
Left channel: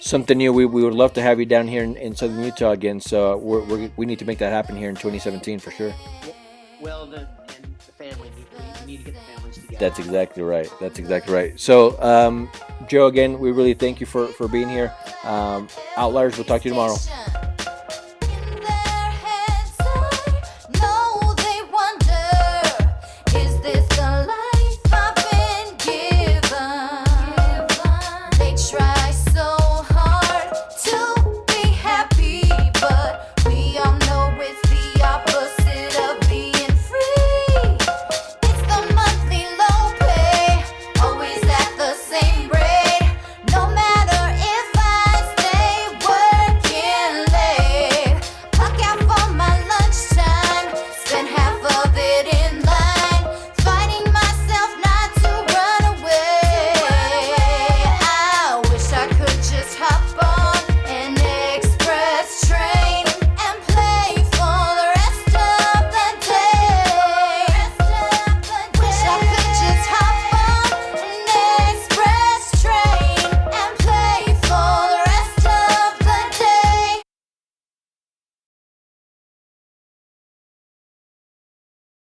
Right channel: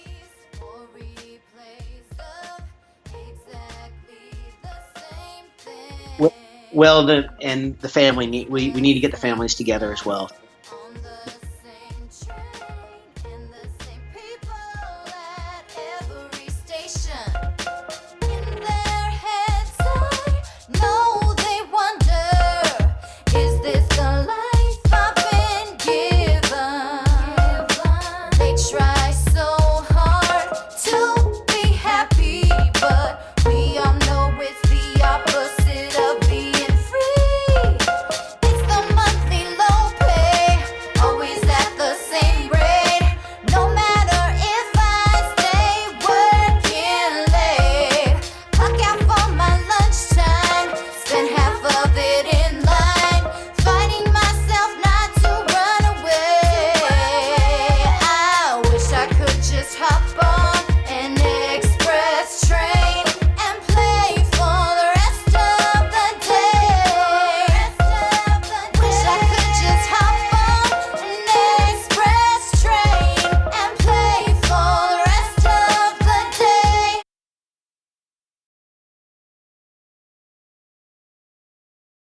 something new. We would love to have you down here in Southern Utah again. So we need to make that happen here in 2017 for sure. Well, the family we need to get the families together That's as well. exactly right. That's exactly right. So, Joe, again, we really thank you for being here. Outliers, we'll talk to you tomorrow.